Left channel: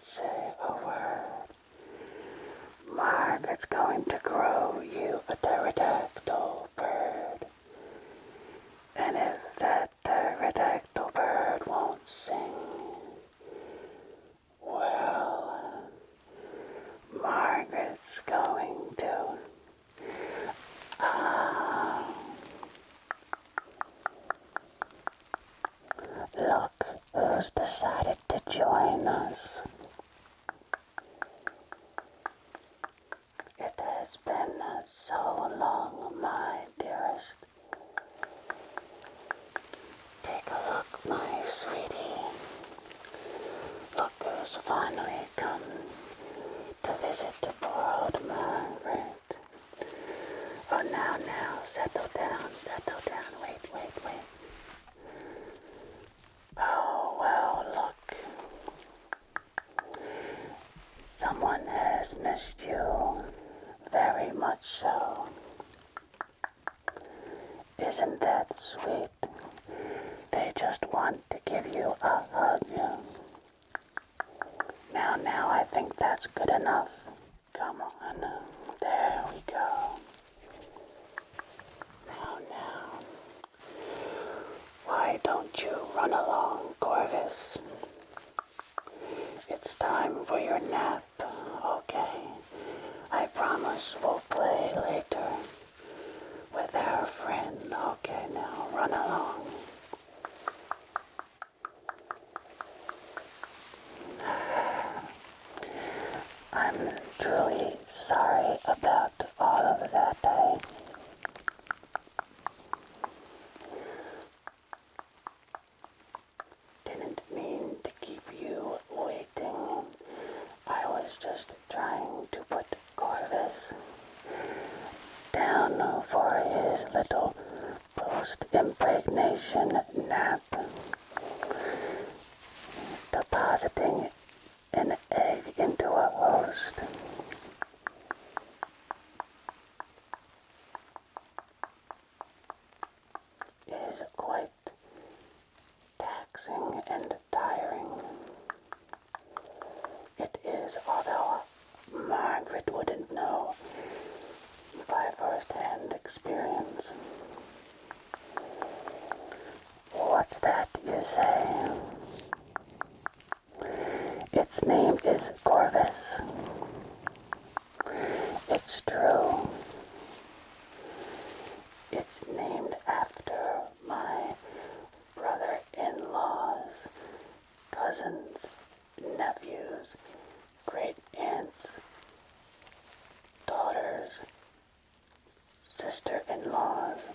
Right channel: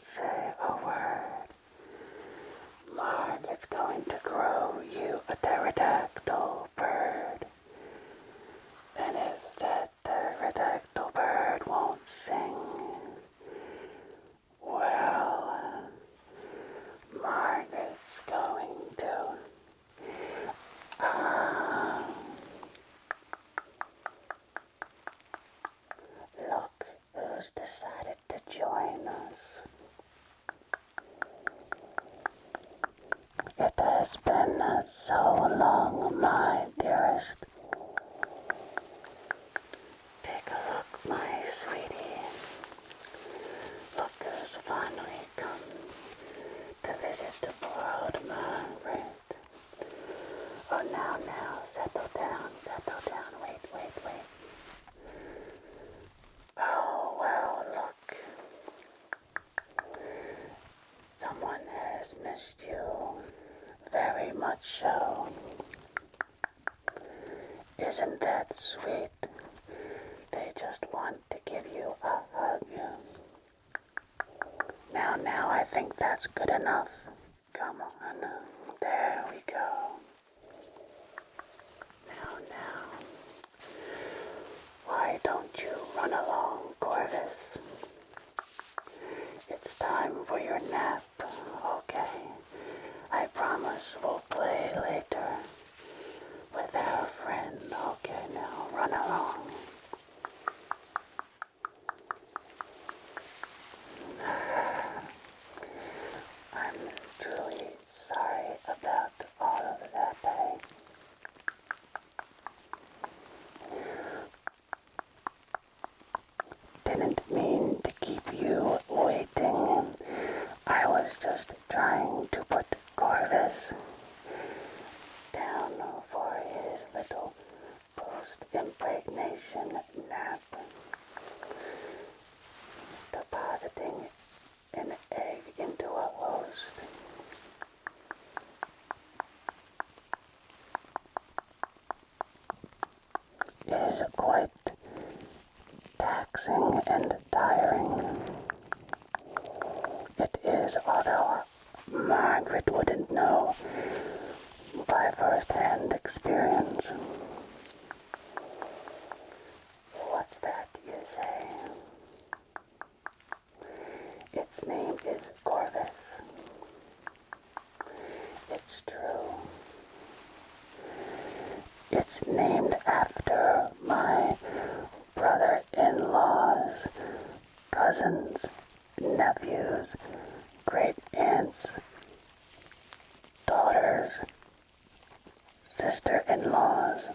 Don't say a word. Margaret's going to grow you a pterodactyl bird. And if that pterodactyl bird won't sing, well, Margaret's going to. Ah, look who's decided to join us. It has been so long, my dearest. Take a look, my sweetie. Look who's finally come to visit the world, Margaret. Oh, now, settle down, wait. Oh, well, look. Someone has missed you, very much so. Isn't that sweet? They just want to give you a hug. Now, I think that's good enough. Come on, there we go. Now, why don't you run along, Corvus? It's time for your nap, okay? I promise we'll play later with our friend. Okay, now run along. I'm truly sorry about all of that. I didn't mean to keep you waiting. I was just trying to put Corvus down for his little post-impregnation nap, depositing an egg into a host. Is quite taxing and tiring. It is, although Margaret wouldn't know by first-hand experience. What's that, you say? Its name is Corvus. It's true. It's named after my brother-in-law's cousins, nephews, great-aunts, daughters, sister-in-laws,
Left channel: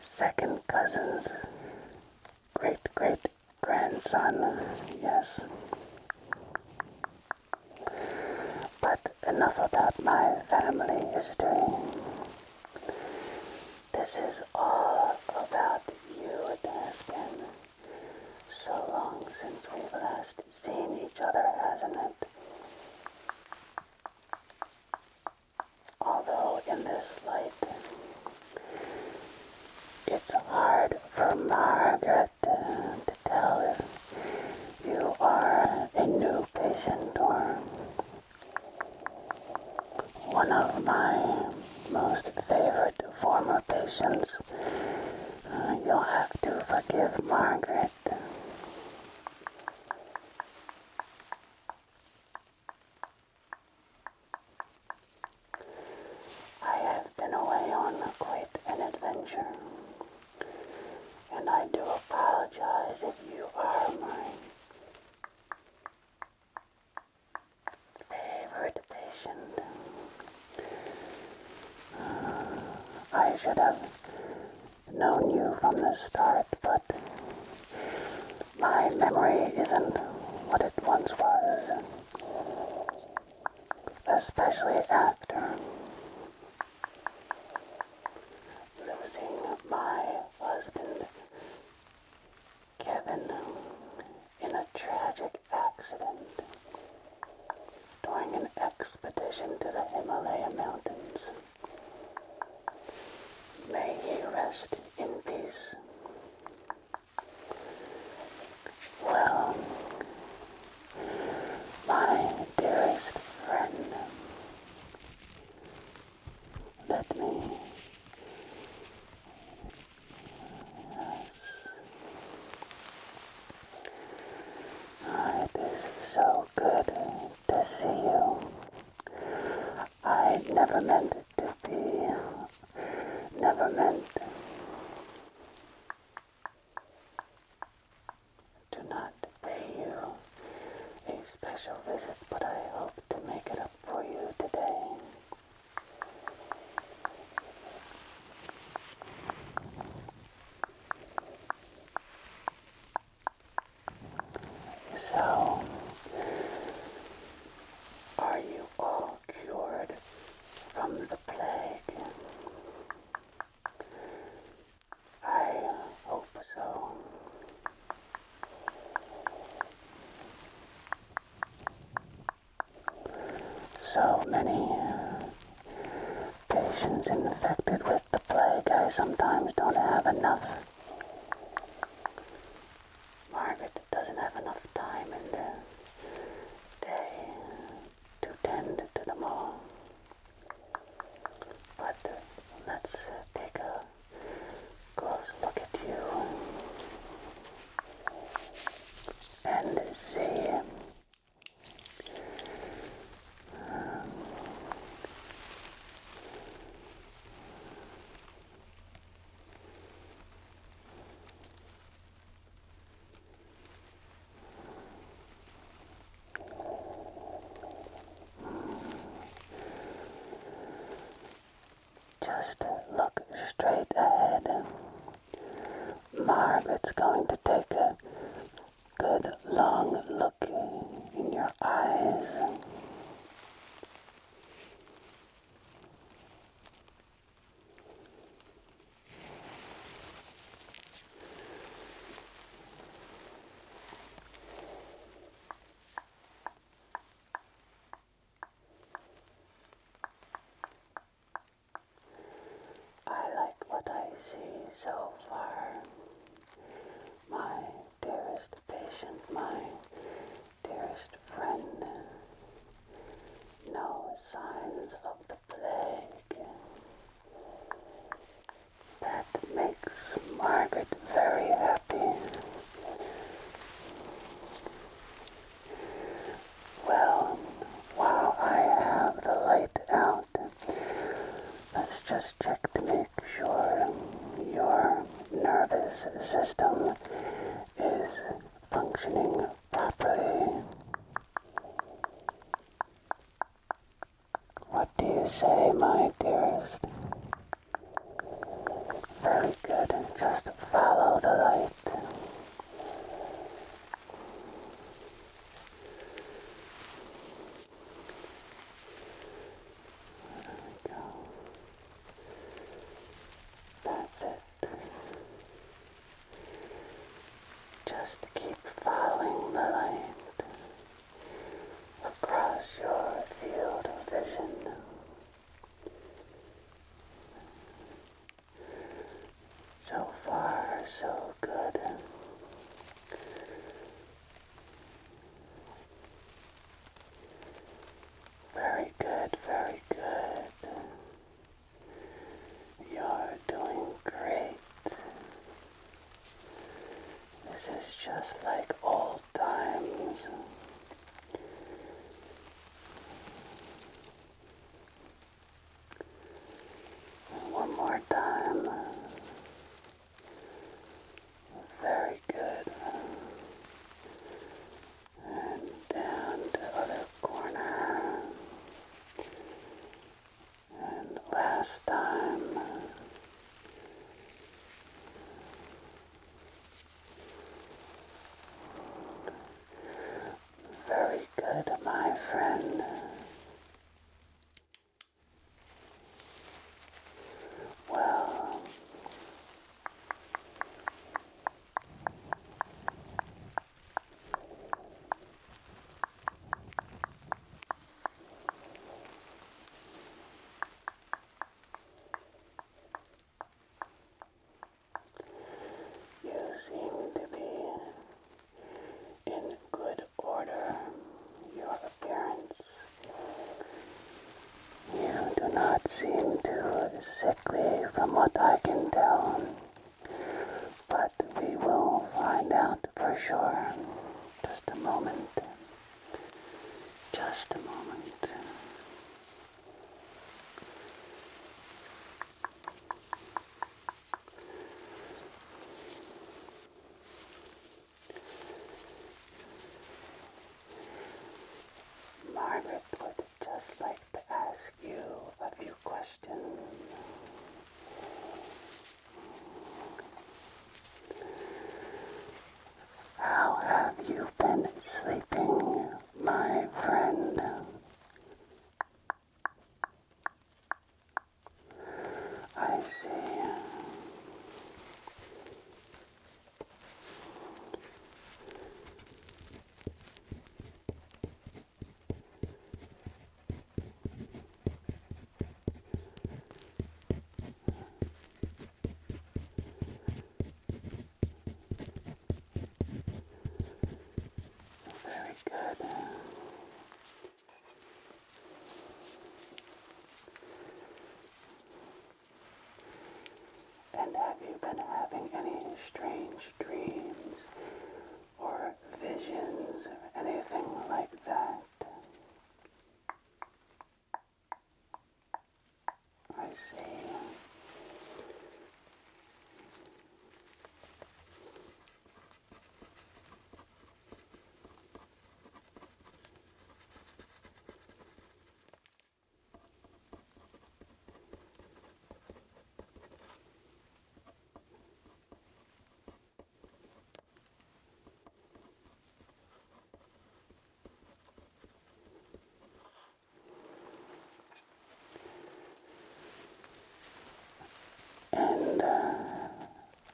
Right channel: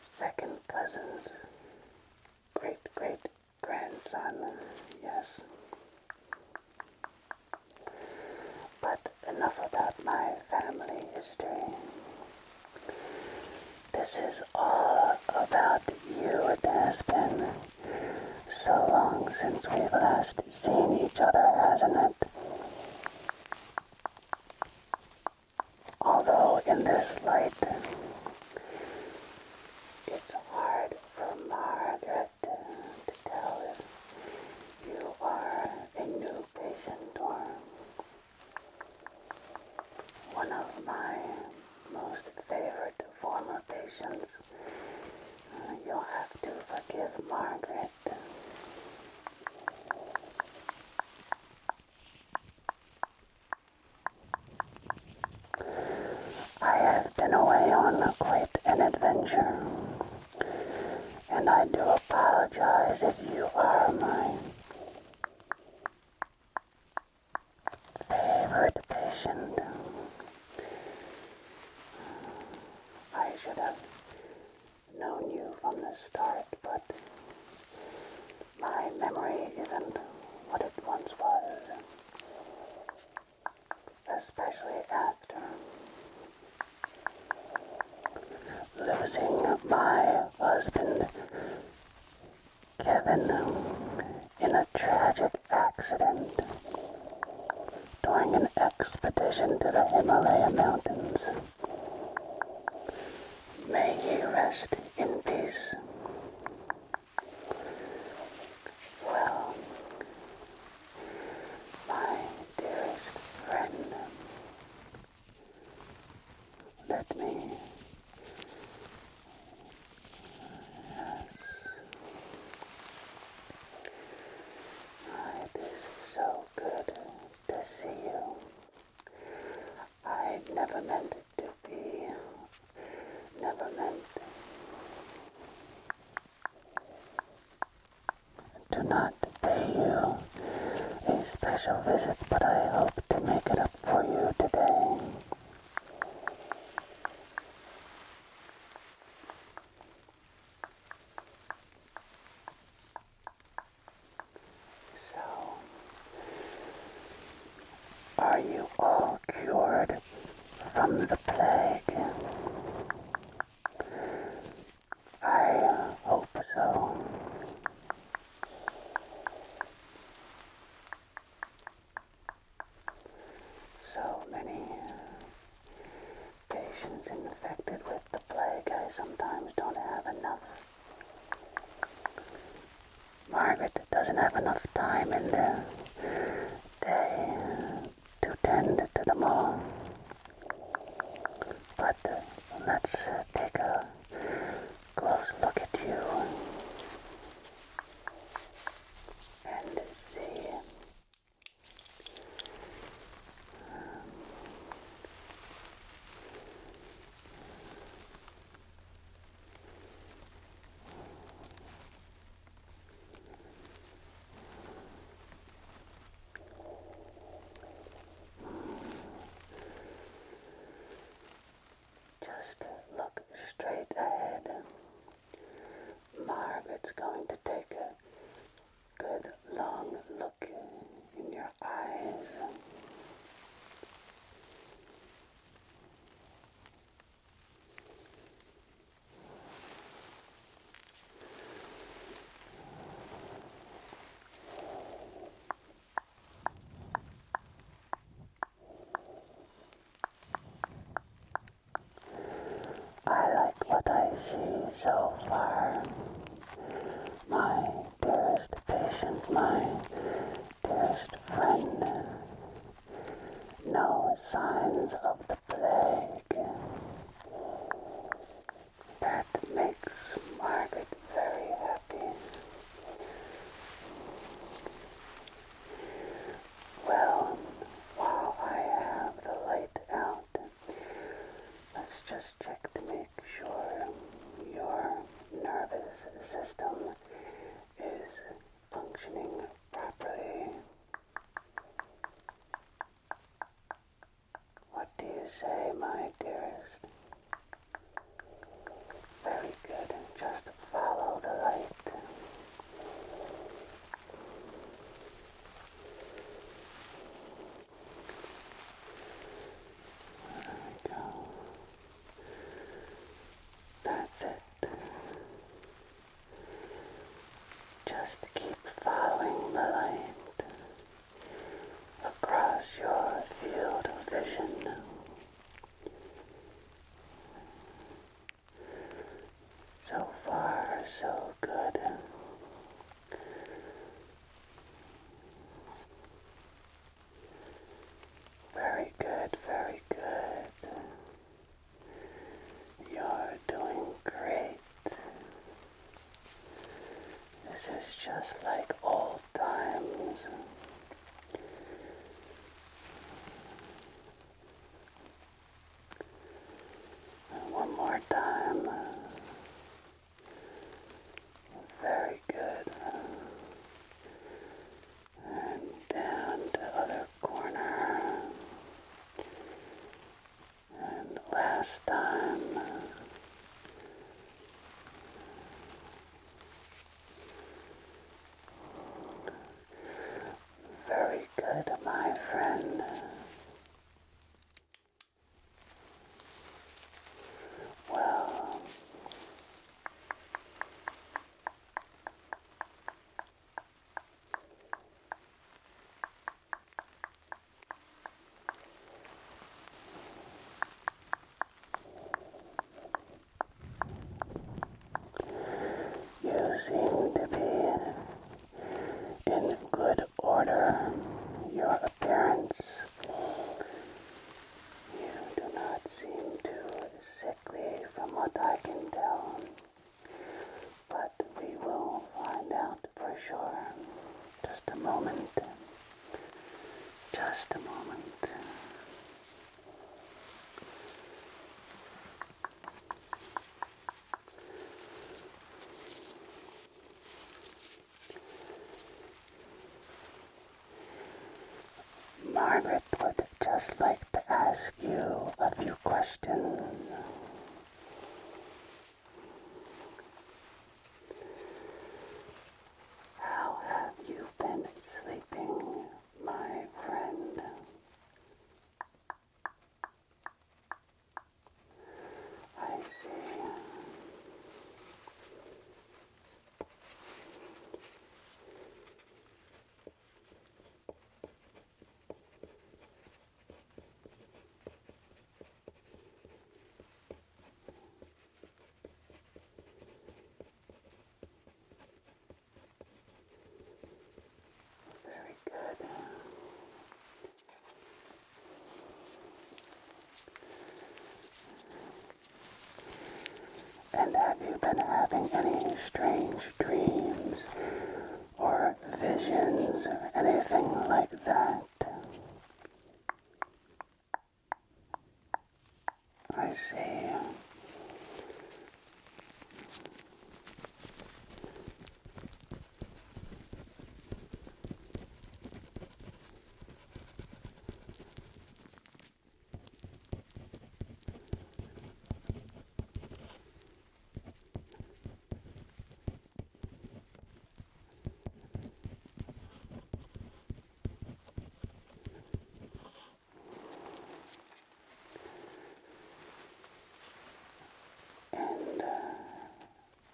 second cousins, great-great-grandson, yes. But enough about my family history. This is all about you. It has been so long since we've last seen each other, hasn't it? Although in this light, it's hard for Margaret to tell if you are a new patient or one of my most favorite former patients. You'll have to forgive Margaret. I have been away on quite an adventure, and I do apologize if you are my favorite patient. I should have known you from the start, but my memory isn't what it once was, especially after losing my husband, Kevin, in a tragic accident during an expedition to the Himalaya Mountains. May he rest in peace. Well, let me. Yes. It is so good to see you. I never meant to be, never meant to not pay you a special visit, but I hope to make it up for you today. So, are you all cured from the plague? I hope so. So many patients infected with the plague, I sometimes don't have enough. Margaret doesn't have enough time in the day to tend to them all. But let's take a close look at you and see. Just look straight ahead. Margaret's going to take a good long look in your eyes. I like what I see so far. My dearest patient, my dearest friend, no signs of the plague. That makes Margaret very happy. Well, while I have the light out, let's just check to make sure your nervous system is functioning properly. What do you say, my dearest? Very good. Just follow the light. There we go. That's it. Just keep following the light across your field of vision. So far, so good. Very good, very good. You're doing great. This is just like old times. And one more time. Very good. And down to other corner. And last time. Very good, my friend. Well, you seem to be in good order. Your appearance, you do not seem to sickly from what I can tell, but we will find out for sure. Just a moment. Just a moment. Margaret would just like to ask you a few questions. How have you been sleeping, my friend? I see. Very good. And have you been having any strange dreams or visions or anything like that? I see. And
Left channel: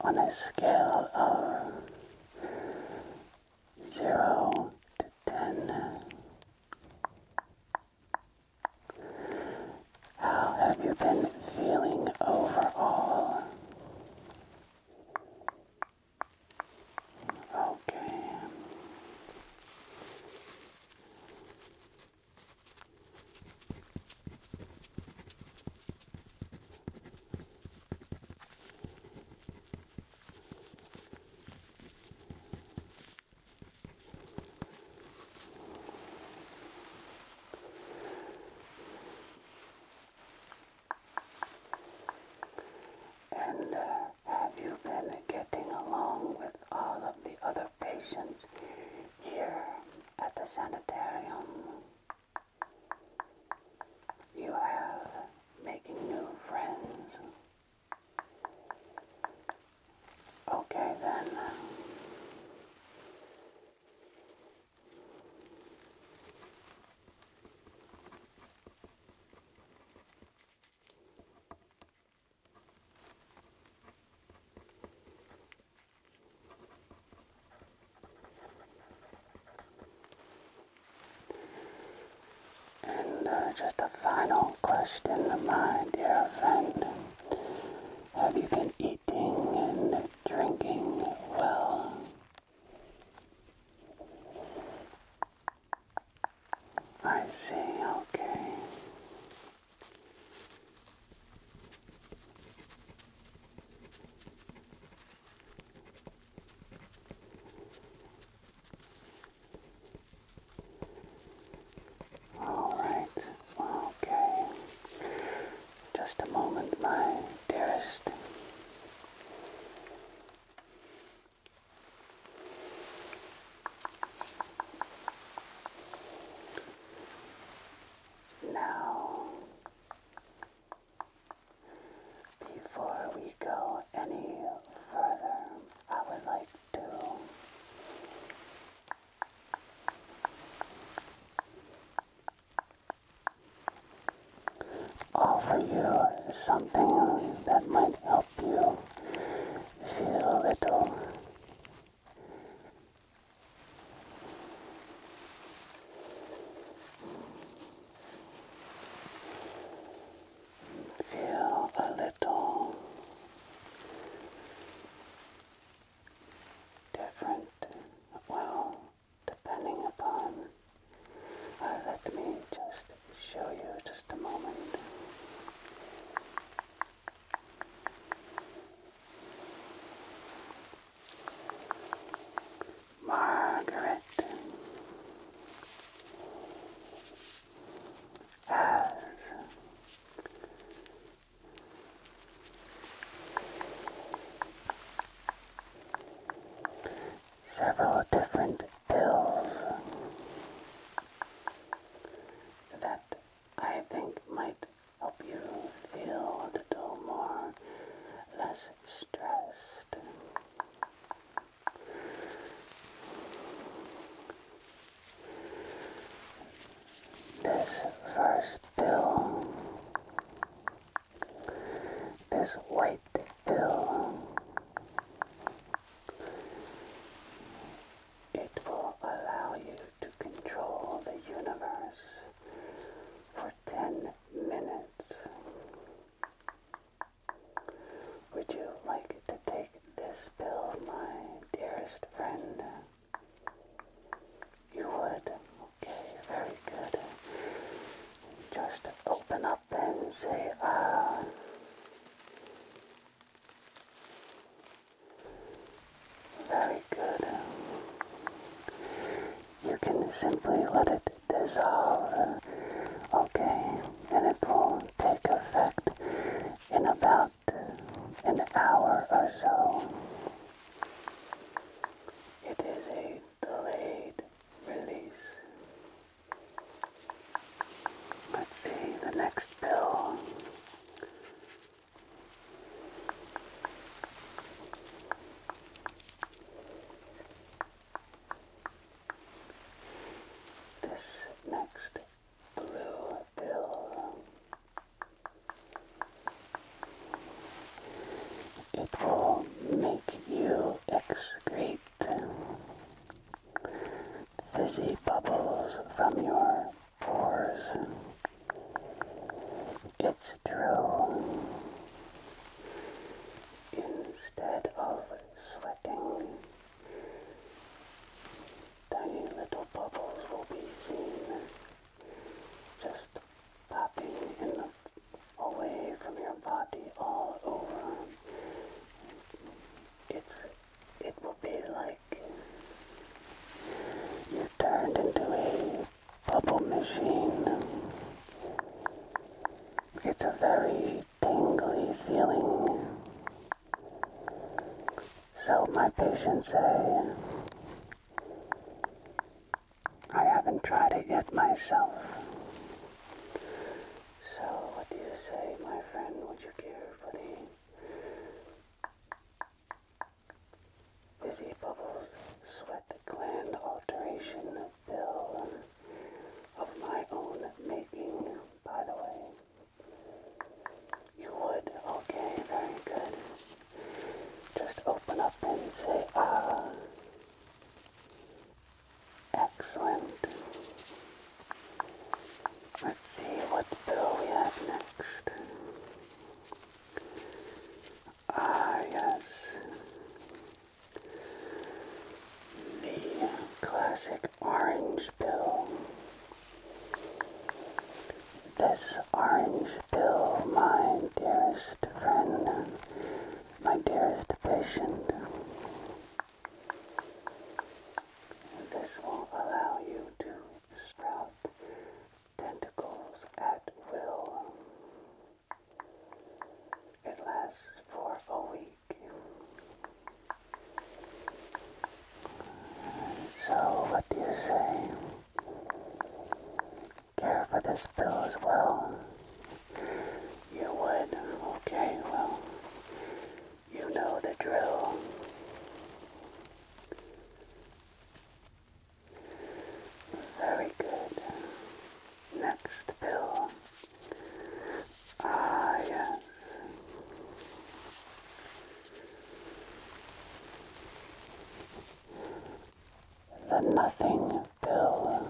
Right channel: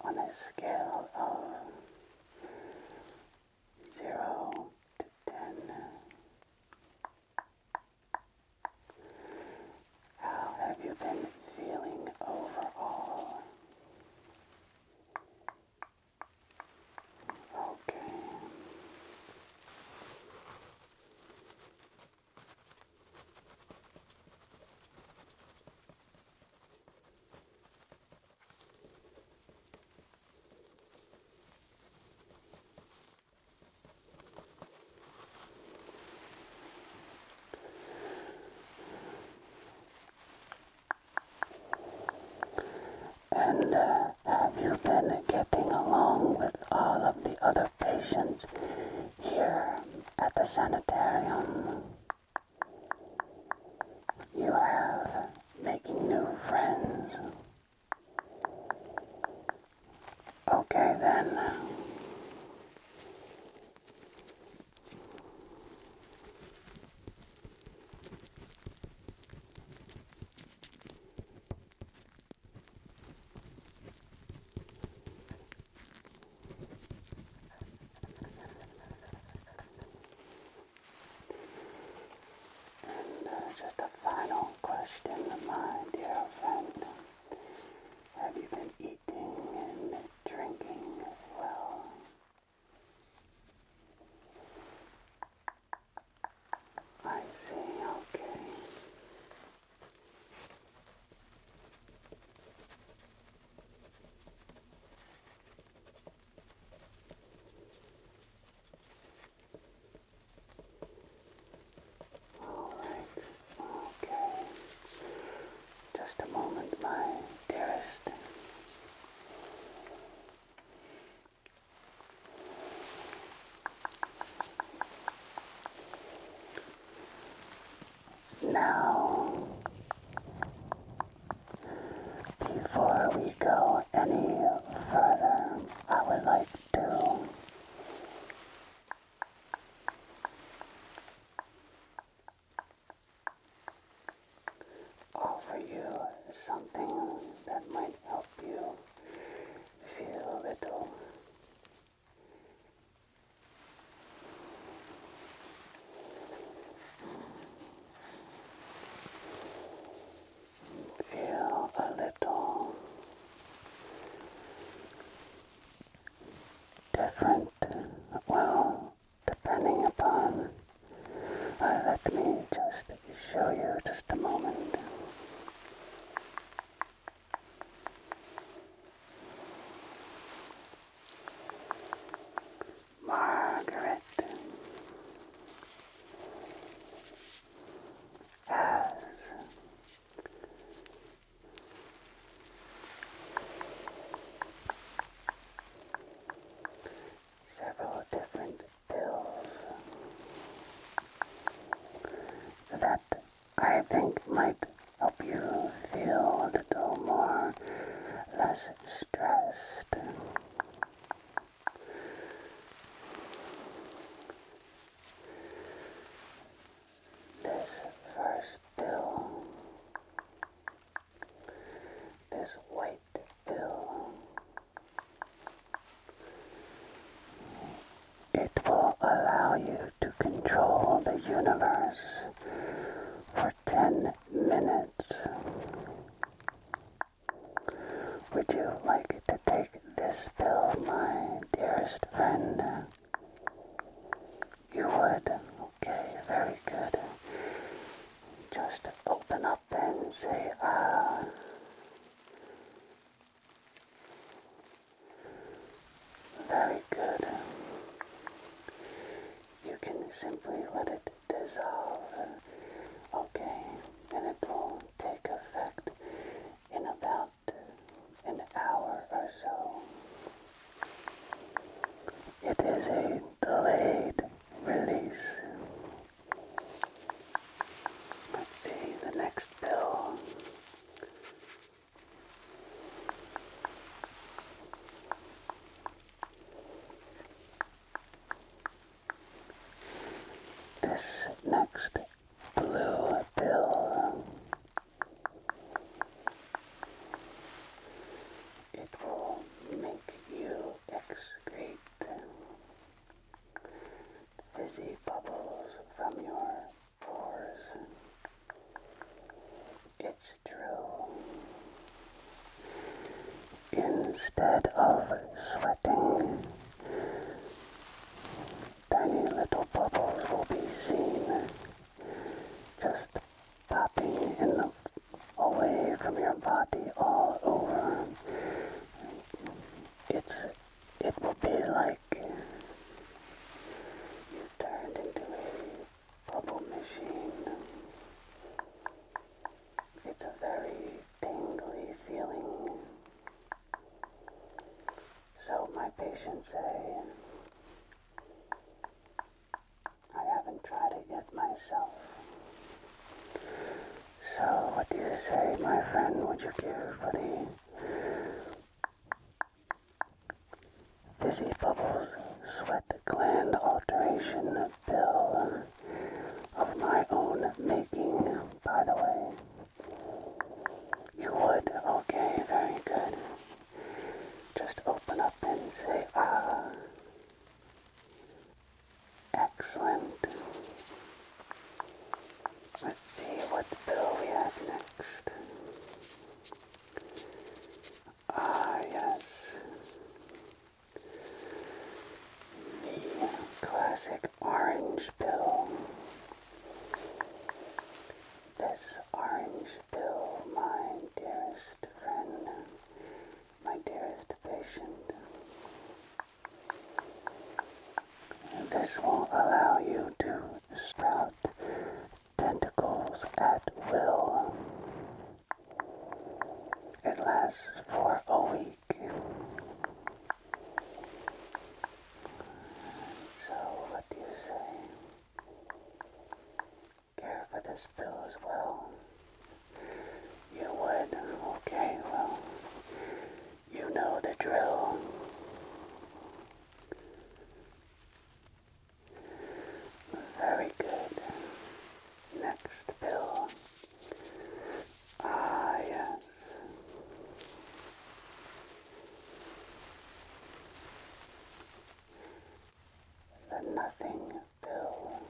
on a scale of 0 to 10, how have you been feeling overall? Okay. And have you been getting along with all of the other patients here at the sanitarium? You have making new friends. Okay then. And just a final question, my dear friend. Have you been eating and drinking well? I see, okay. Alright, okay. Just a moment, my dearest. Now, before we go any further, I would like to offer you something that might help you feel a little different. Well, depending upon, let me just show you just a moment. several different pills that I think might help you feel a little more less stressed. This first pill, this white pill, it will allow you to control the universe for 10 minutes. Would you like to take this pill, my dearest friend? You would? Okay, very good. Just open up and say, ah. Very good. You can simply let it dissolve, okay, and it will take effect in about an hour or so. It is a delayed release. Let's see, the next pill. This next blue pill, it will make you excrete fizzy bubbles from your pores. It's true. Instead of sweating, tiny little bubbles will be seen just popping away from your body all over. It will be like you turned into a bubble machine. It's a very tingly feeling. So my patients say, I haven't tried it yet myself. So what do you say, my friend, would you give for the Fizzy Bubbles Sweat Gland Alteration pill of my own making, by the way? You would? Okay, very good. Just open up and say, ah. Excellent. Let's see what pill we have next. Ah, yes. The classic orange pill. This orange pill, my dearest friend, my dearest patient, this will allow you to sprout tentacles at will. It lasts for a week. So, what do you say? Care for this pill as well? You would? Okay, well, you know the drill. Very good. Next pill. Ah, yes. The nothing pill.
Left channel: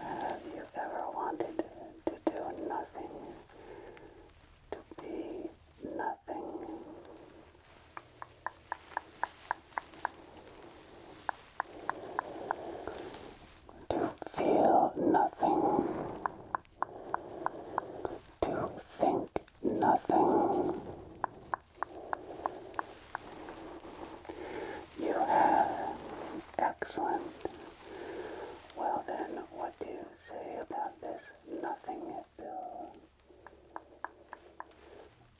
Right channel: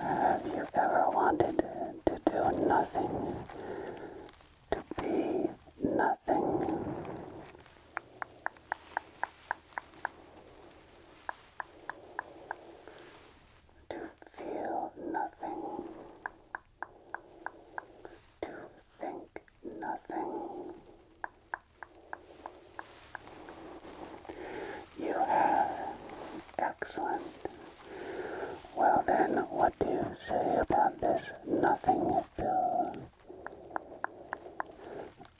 Have you ever wanted to do nothing? To be nothing? To feel nothing? To think nothing? You have. Excellent. Well then, what do you say about this nothing pill?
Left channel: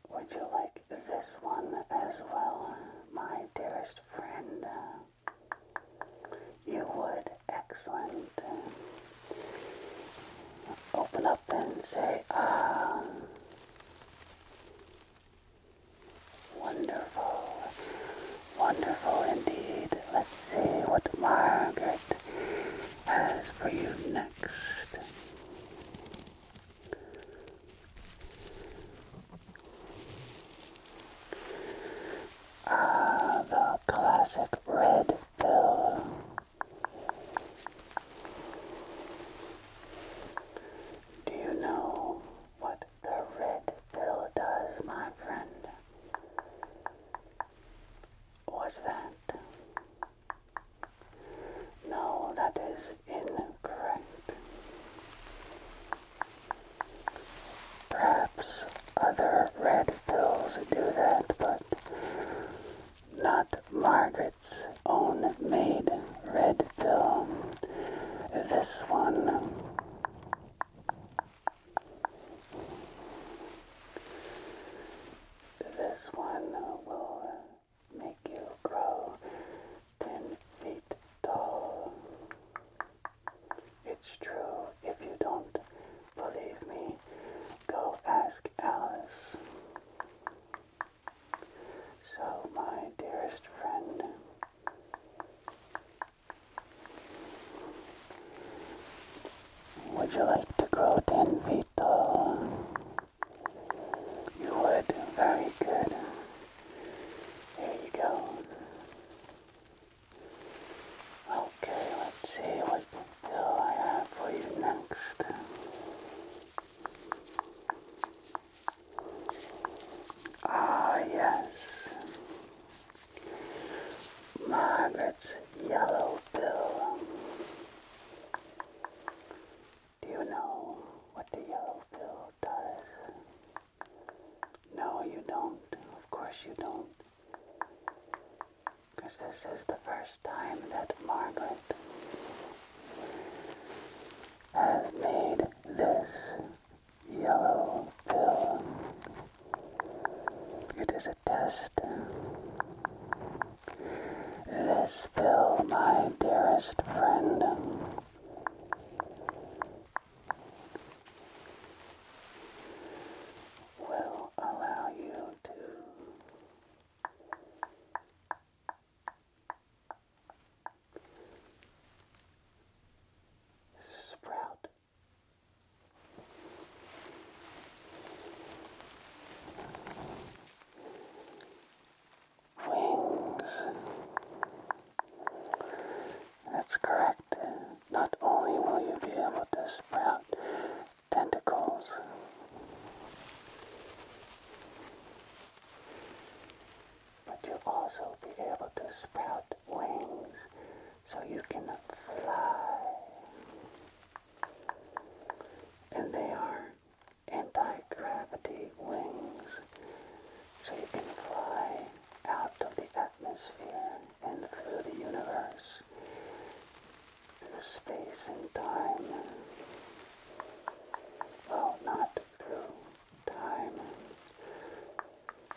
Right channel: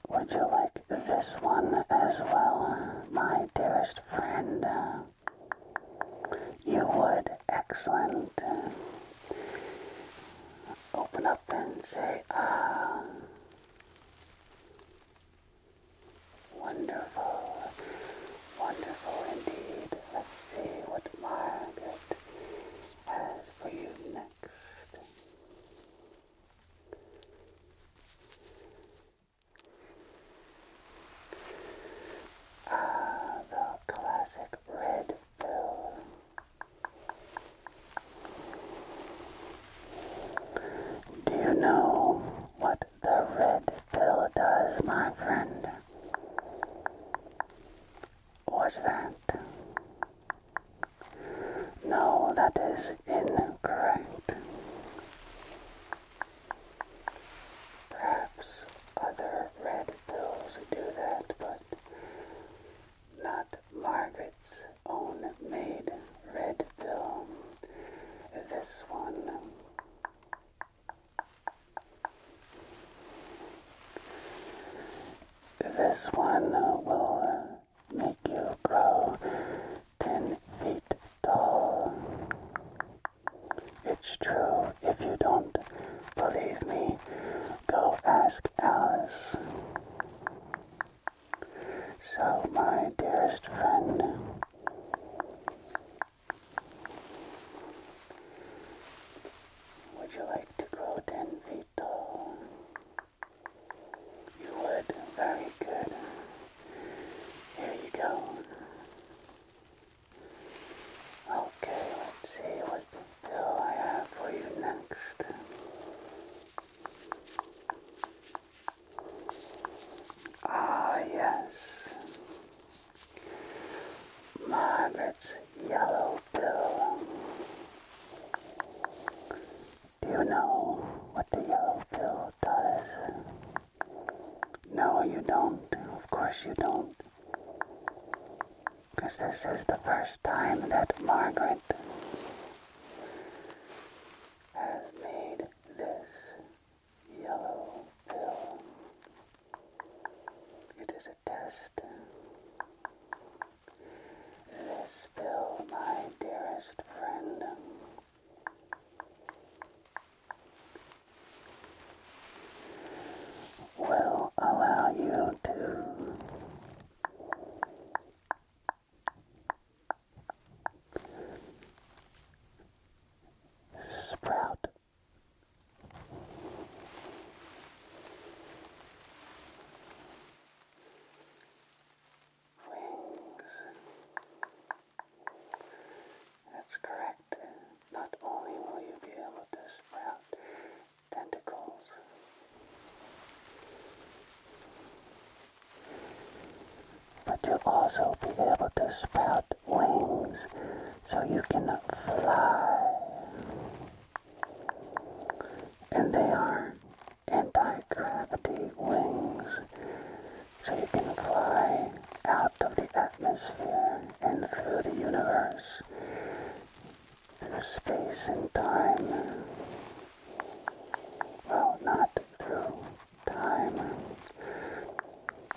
Would you like this one as well, my dearest know what the red pill does, my friend? Was that? No, that is incorrect. Perhaps other red pills do that, but not Margaret's own made red pill. This one will make you grow 10 feet tall. It's true. If you don't believe me, go ask Alice. So, my dearest friend, would you like to grow 10 feet tall? You would. Very good. Here you go. Okay, let's see what pill I have for you next. Ah, yes. Margaret's yellow pill. Do you know what the yellow pill does? No, you don't. Of course you don't. Because this is the first time that Margaret has made this yellow pill. It is a test. This pill, my dearest friend, will allow you to sprout wings. That's correct. Not only will you be able to sprout tentacles, but you'll also be able to sprout wings so you can fly. And they are anti-gravity wings, so you can fly out of the atmosphere and through the universe, through space and time. Well, not through time.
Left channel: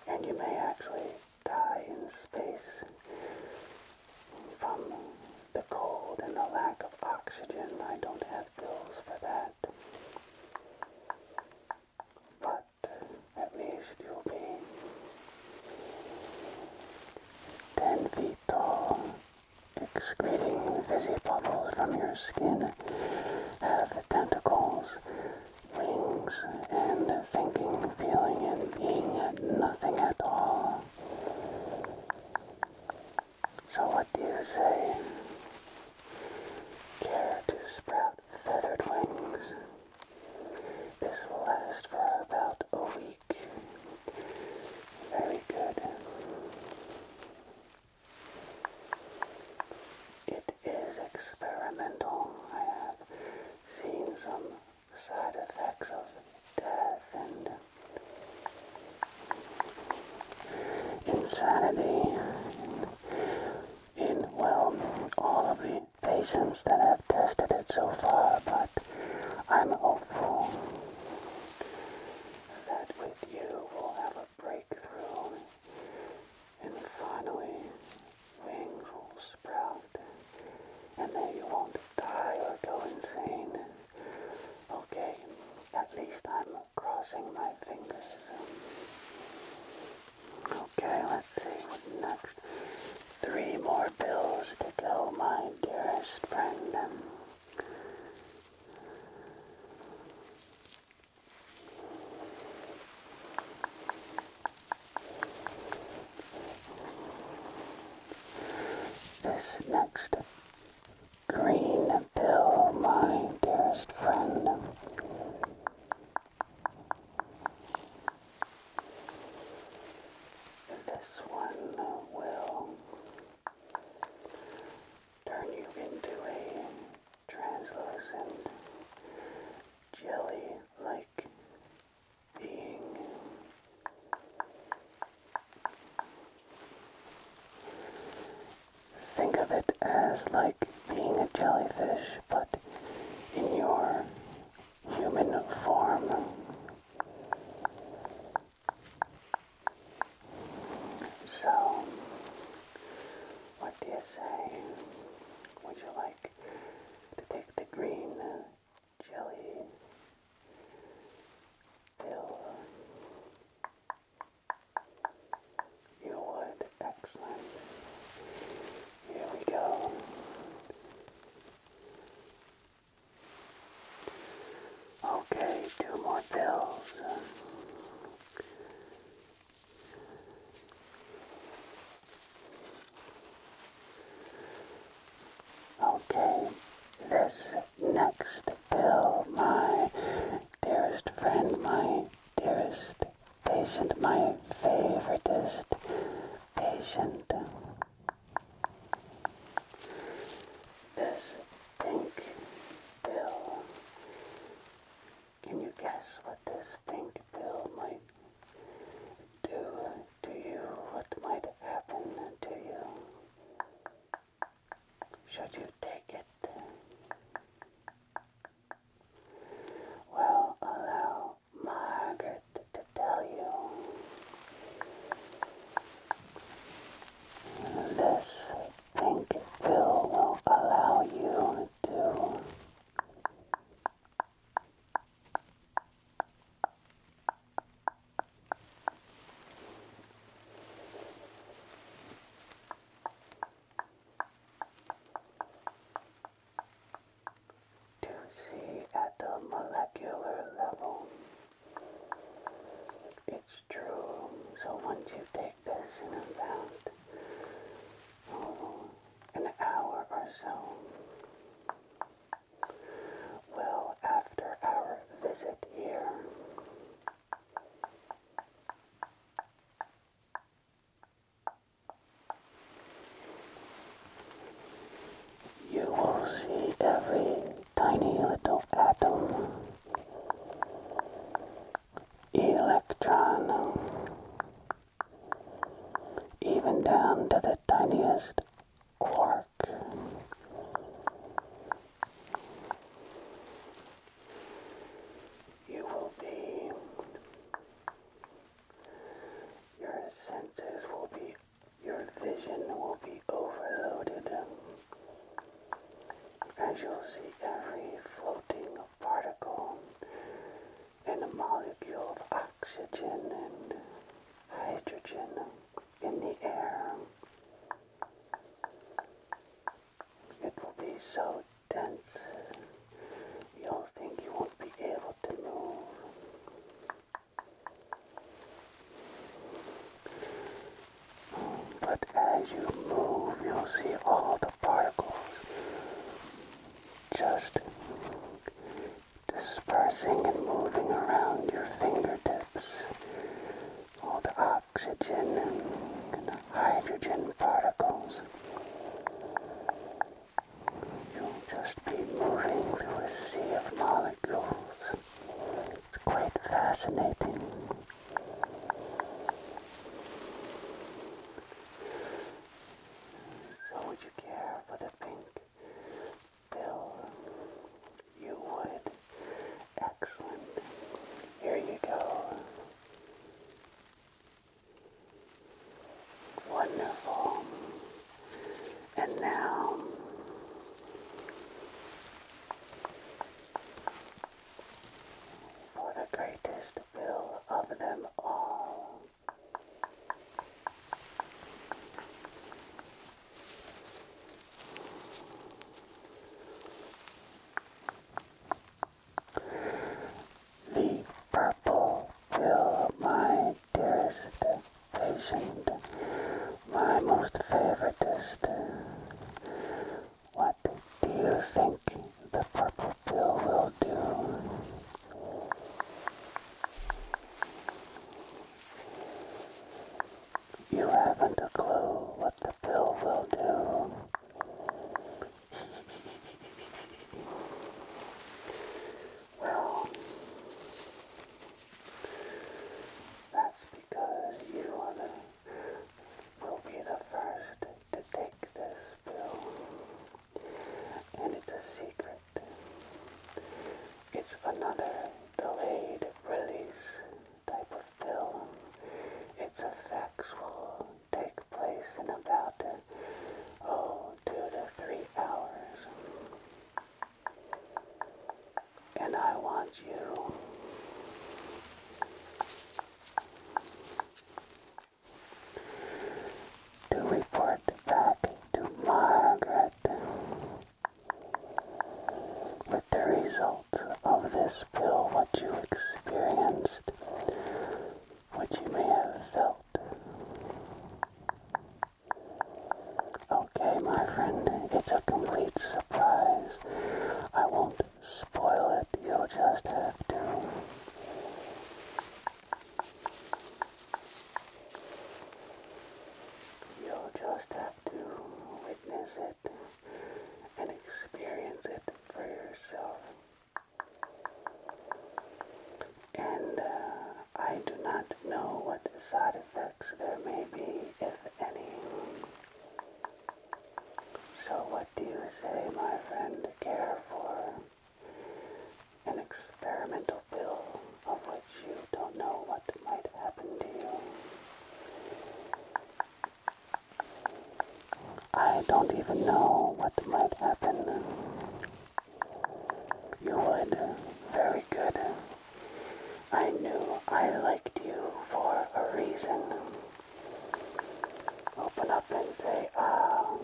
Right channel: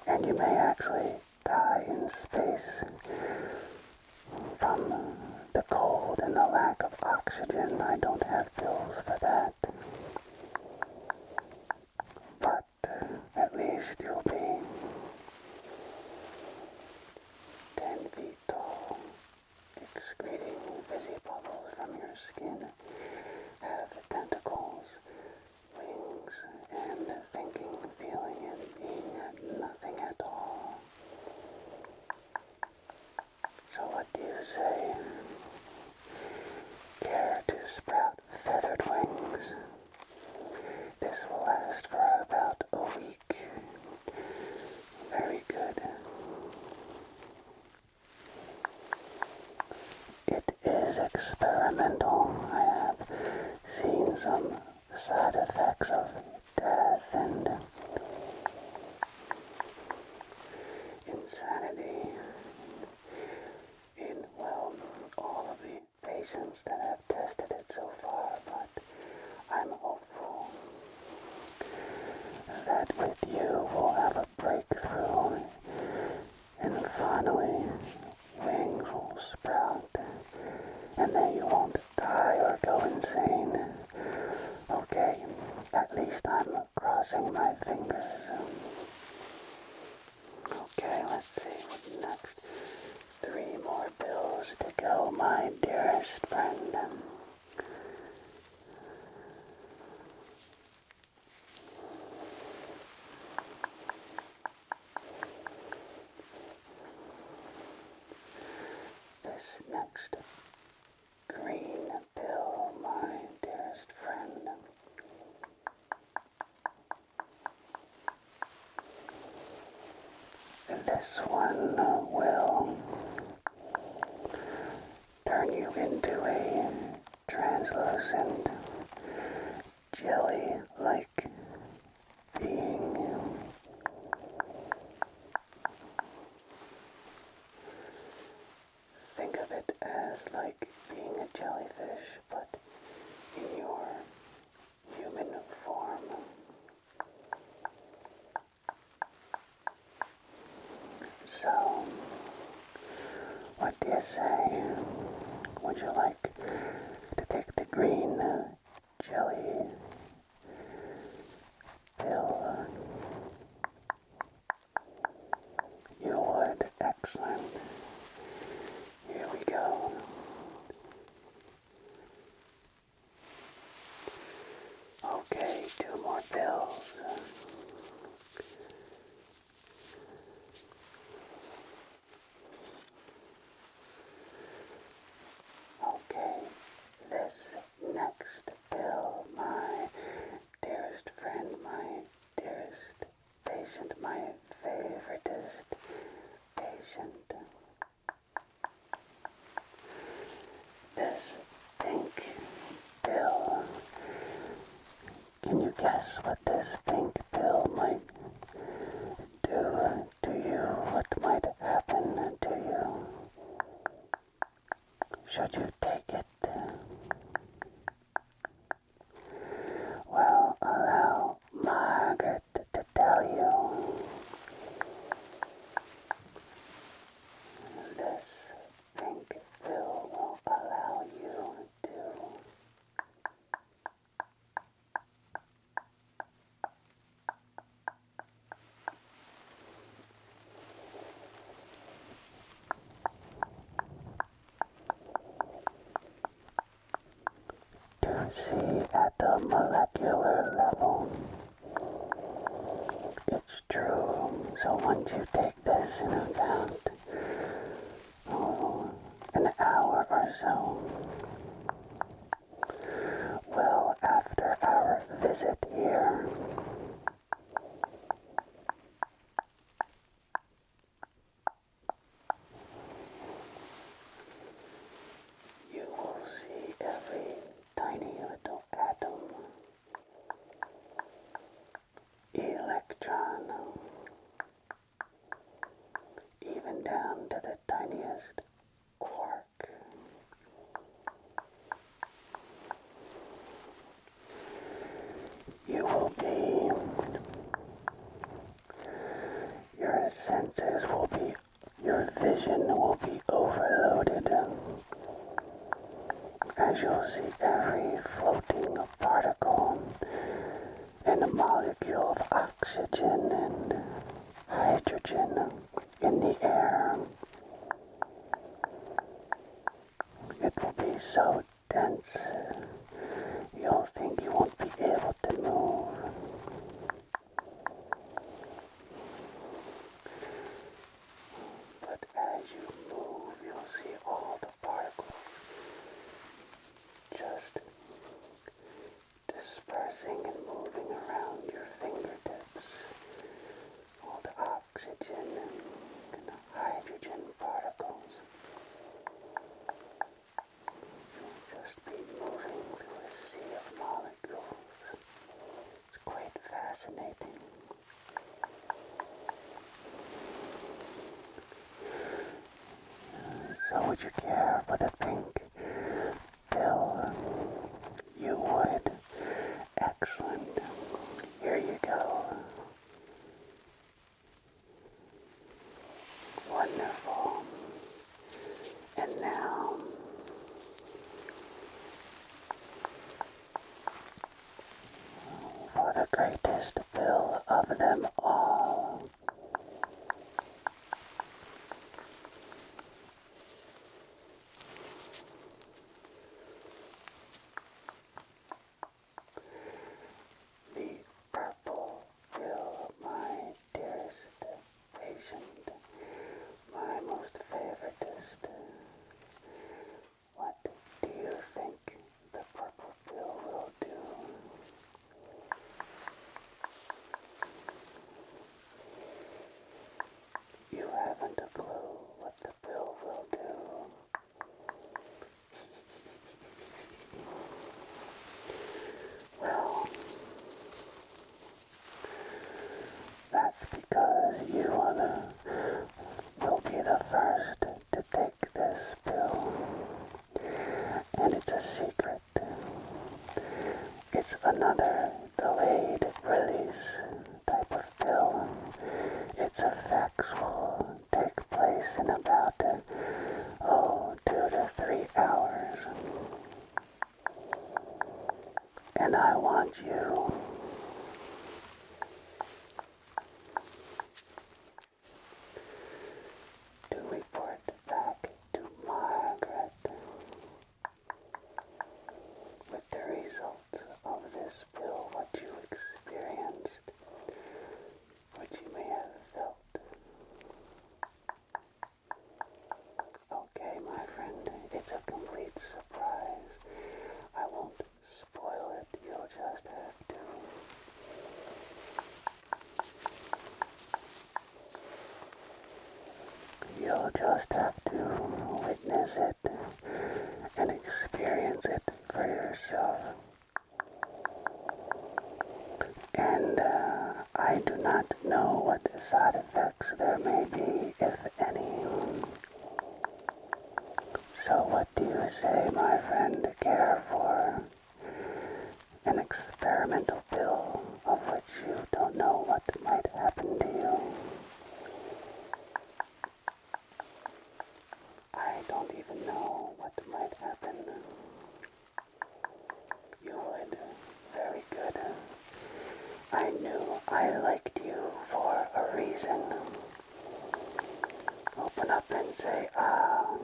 And you may actually die in space from the cold and the lack of oxygen. I don't have pills for that. But at least you'll be 10 feet tall, excreting fizzy bubbles from your skin, have tentacles, wings, and thinking, feeling, and being nothing at all. So what do you say? Care to sprout feathered wings? This will last for about a week. Very good. It is experimental. I have seen some side effects of death and insanity in, well, all of the patients that have tested it so far, but I'm hopeful that with you we'll have a breakthrough and finally wings will sprout and then you won't die or go insane. Okay, at least I'm crossing my fingers. Okay, let's see what's next. 3 more pills to go, my dearest friend. This next green pill, my dearest friend, This one will turn you into a translucent, jelly-like being. Think of it as like being a jellyfish, but in your human form. So, what do you say? Would you like to take the green jelly pill? You would. Excellent. Here we go. Okay, 2 more pills. Okay, this next pill, my dearest friend, my dearest patient, my favoritist patient. This pink pill. Can you guess what this pink pill might do to you? What might happen to you? Should you take it? Well, allow Margaret to tell you. This pink pill will allow you to see at the molecular level. It's true. So once you take this in about an hour or so, well, after our visit here, you will see every tiny little atom, electron, even down to the tiniest quark. You will be, your senses will be, your vision will be overloaded as you'll see every floating particle and a molecule of oxygen and hydrogen in the air. It will be so dense, you'll think you won't be able to move. But as you move, you'll see all the particles just dispersing and moving around your fingertips. All the oxygen and hydrogen particles. You'll just be moving through a sea of molecules. It's quite fascinating. So would you care for the pink pill? You would. Excellent. Here you go. Wonderful. And now, for the greatest pill of because you'll be the first to take this pill. And it's a secret. It's another delayed release type of pill. Its effects will take place in about 2 to 3 hours. And I want you to report back to Margaret with the results of this pill, what you experienced, what you may have felt. Okay, my friend, it's a complete surprise. I won't spoil it, you'll just have to witness it and experience it for yourself. And I do not know what side effects there may be, if any. So what do you say, my friend? Care for an experimental pill of which you don't know what might happen to you? I don't even know what might happen. You would. Very good. I knew I liked you for a reason. Open up and say, ah.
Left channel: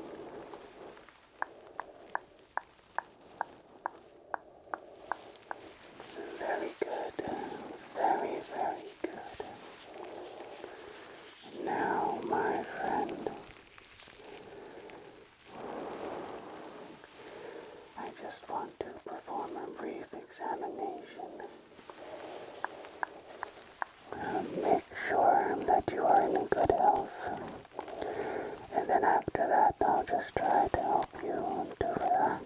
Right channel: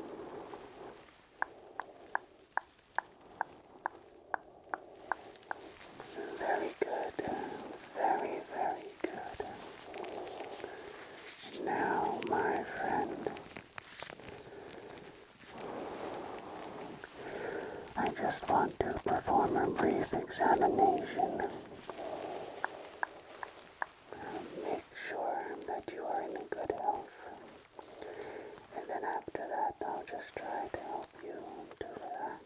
Very good. Very, very good. Now, my friend, I just want to perform a brief examination. Make sure that you are in good health. And then after that, I'll just try to help you to relax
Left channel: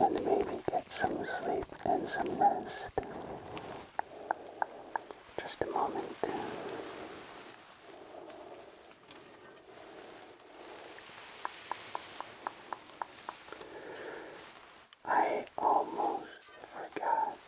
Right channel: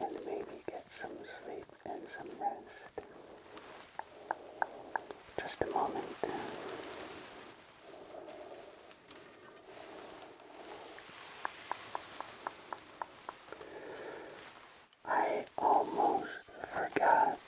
and maybe get some sleep and some rest. Just a moment. I almost forgot.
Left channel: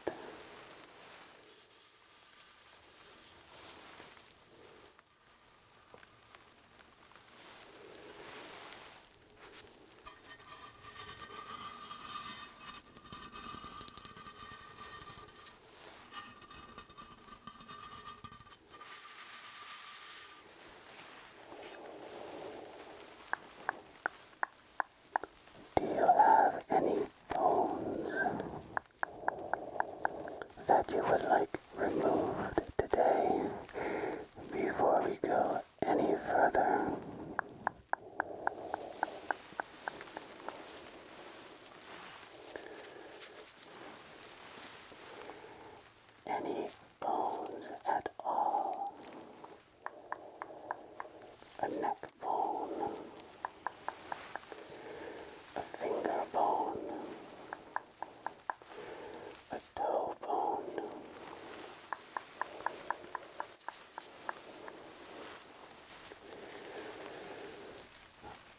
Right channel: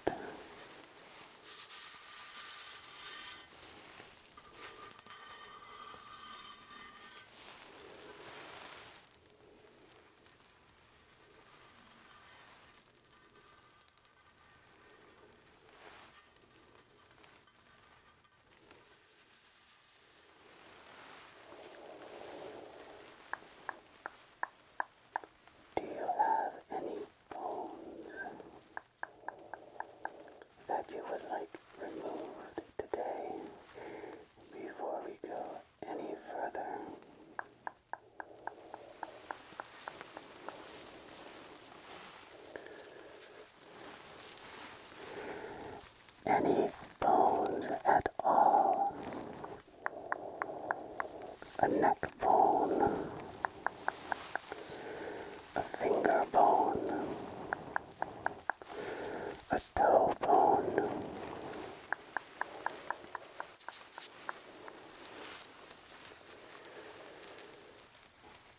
Do you have any bones that you would like removed today before we go any further? Any bones at all? A neck bone, a finger bone, a toe bone,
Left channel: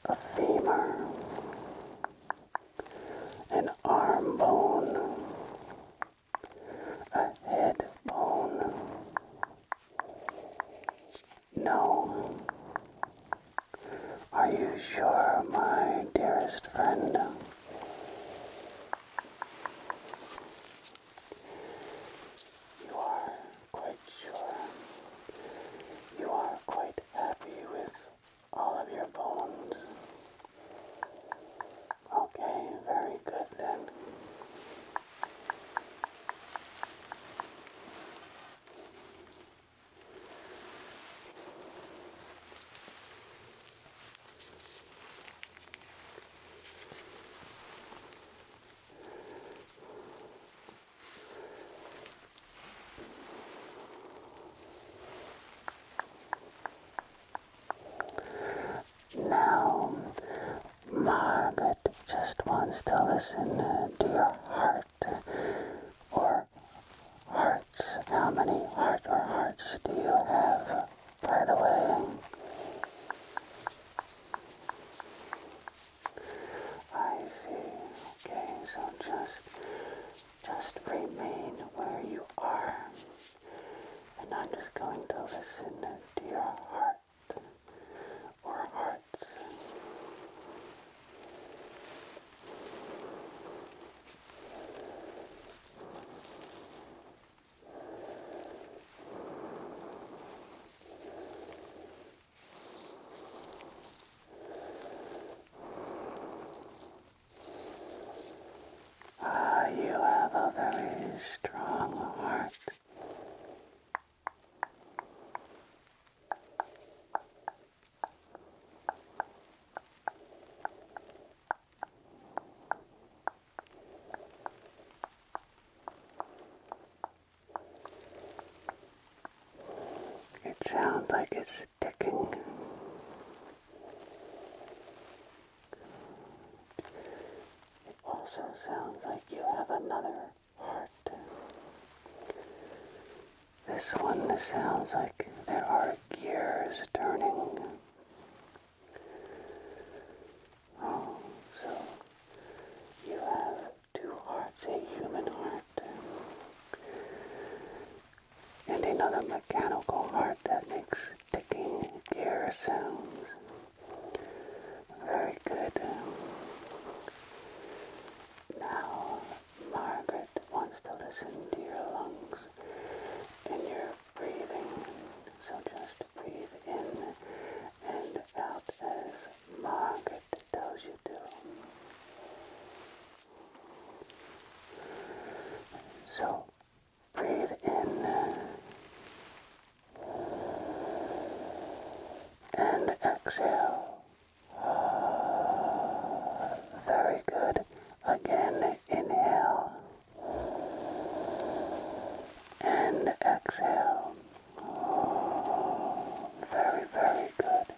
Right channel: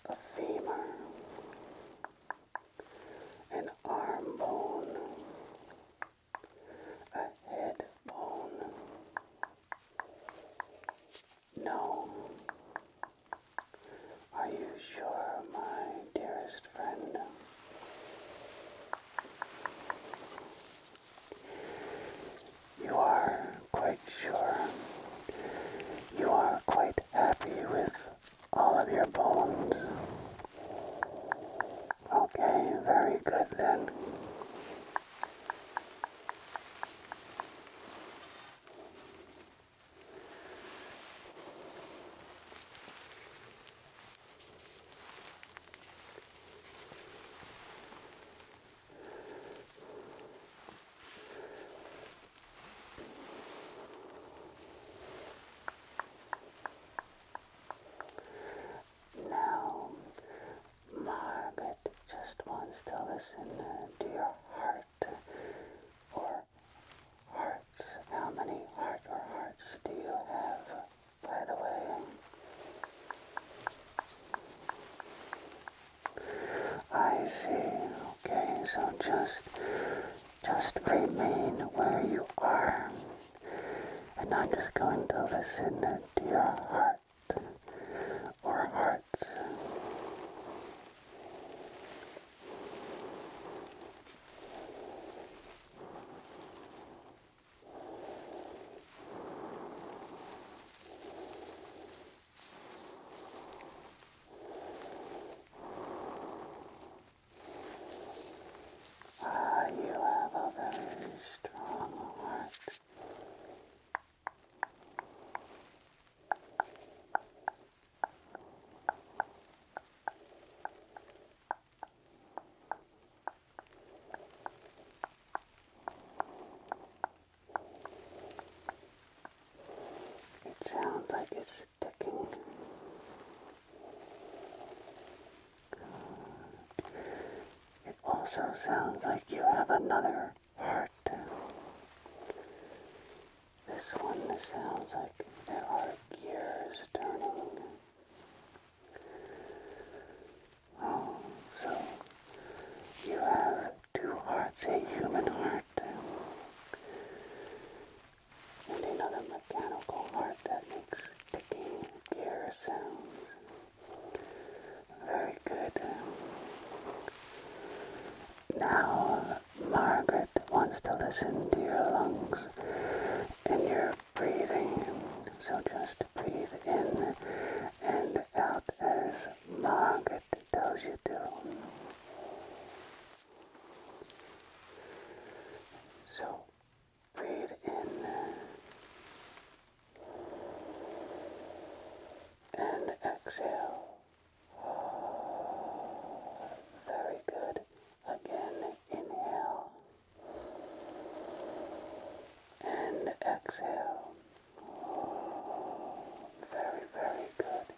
a femur, an arm bone, a head bone. No. Are you sure, my dearest friend? You are quite sure. You are quite happy with all of your bones. Okay, very good then. Now, Margaret just wants to listen to your heart, or hearts. How many heart or hearts hearts do you have, by the way? I see. Okay, so just remain where you are. And I'm just going to listen to your heart or hearts. You have a very strong heart. It sounds like it's ticking. It also sounds like you have another heart. This one sounds like there are gears turning. Oh, so you have two hearts, a human heart and another mechanical heart that makes ticking gear sounds. Very good. Now, Margaret wants to listen to your lungs and your breathing. So just breathe in and out as Margaret tells you to. So breathe in and exhale. Very good. Again, inhale and exhale. Very, very good.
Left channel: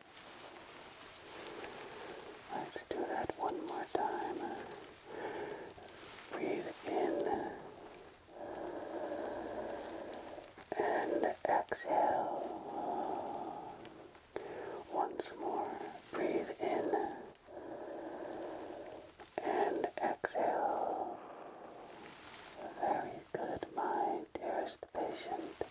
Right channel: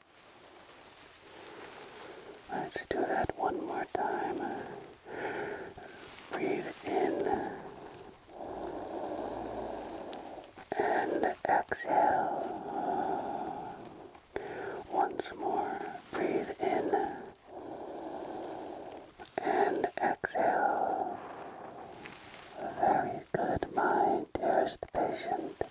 Let's do that one more time. Breathe in and exhale. Once more. Breathe in and exhale. Very good, my dearest patient.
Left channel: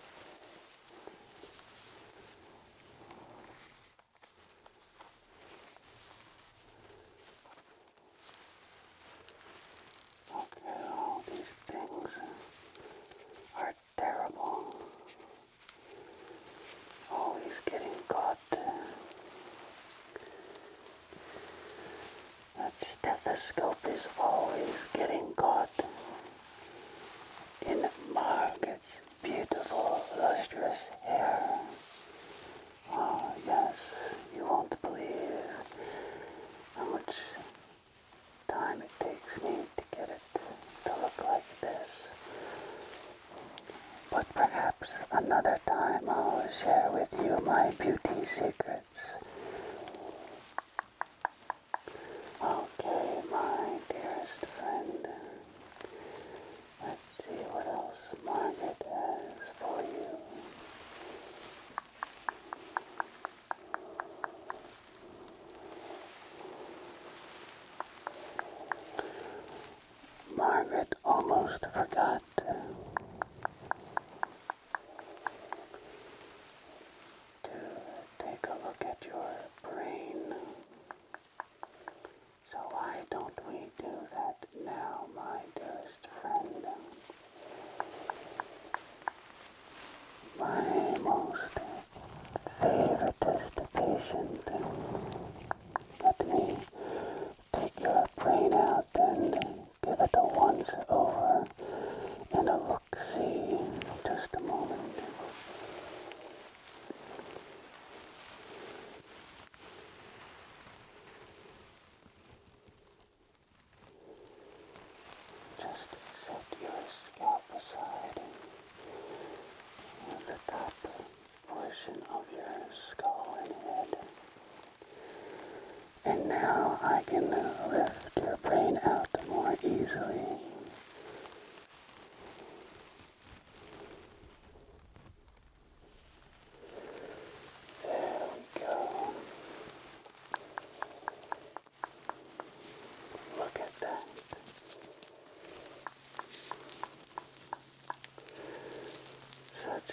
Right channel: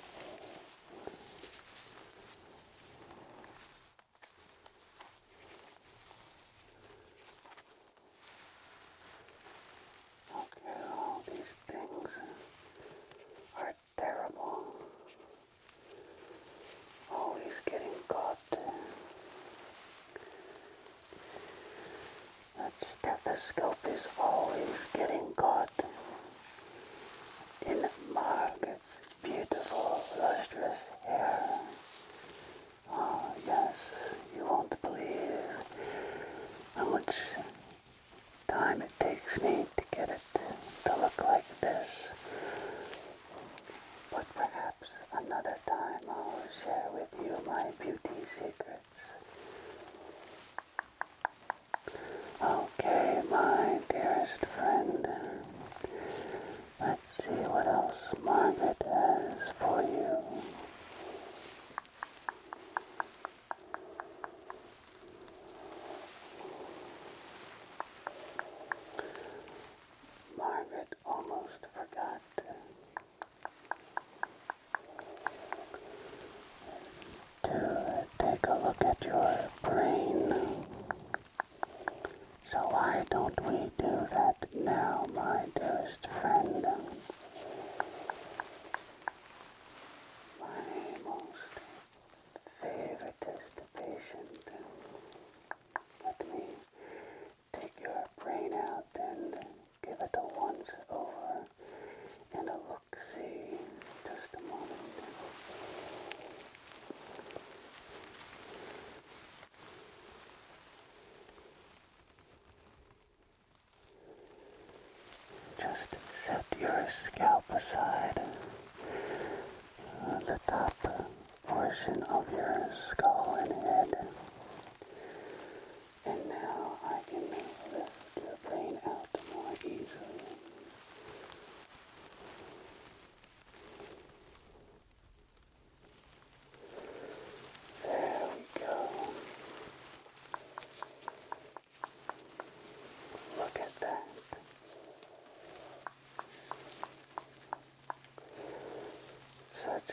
Okay, all these things are terrible. Always getting caught. That stethoscope is always getting caught in Margaret's beautiful, lustrous hair. Oh, yes, you won't believe how much time it takes me to get it to look like this. But perhaps another time I'll share with you my beauty secrets. Okay, my dearest friend. Let's see what else Margaret has for you. Margaret almost forgot to take a look at your brain. So why don't we do that now, my dearest friend? My most favoritist patient. Let me take your brain out and give it a once over and a look-see. Just a moment. Just set your scalp aside. The top portion of your skull and head. And now I can lift your brain out more easily.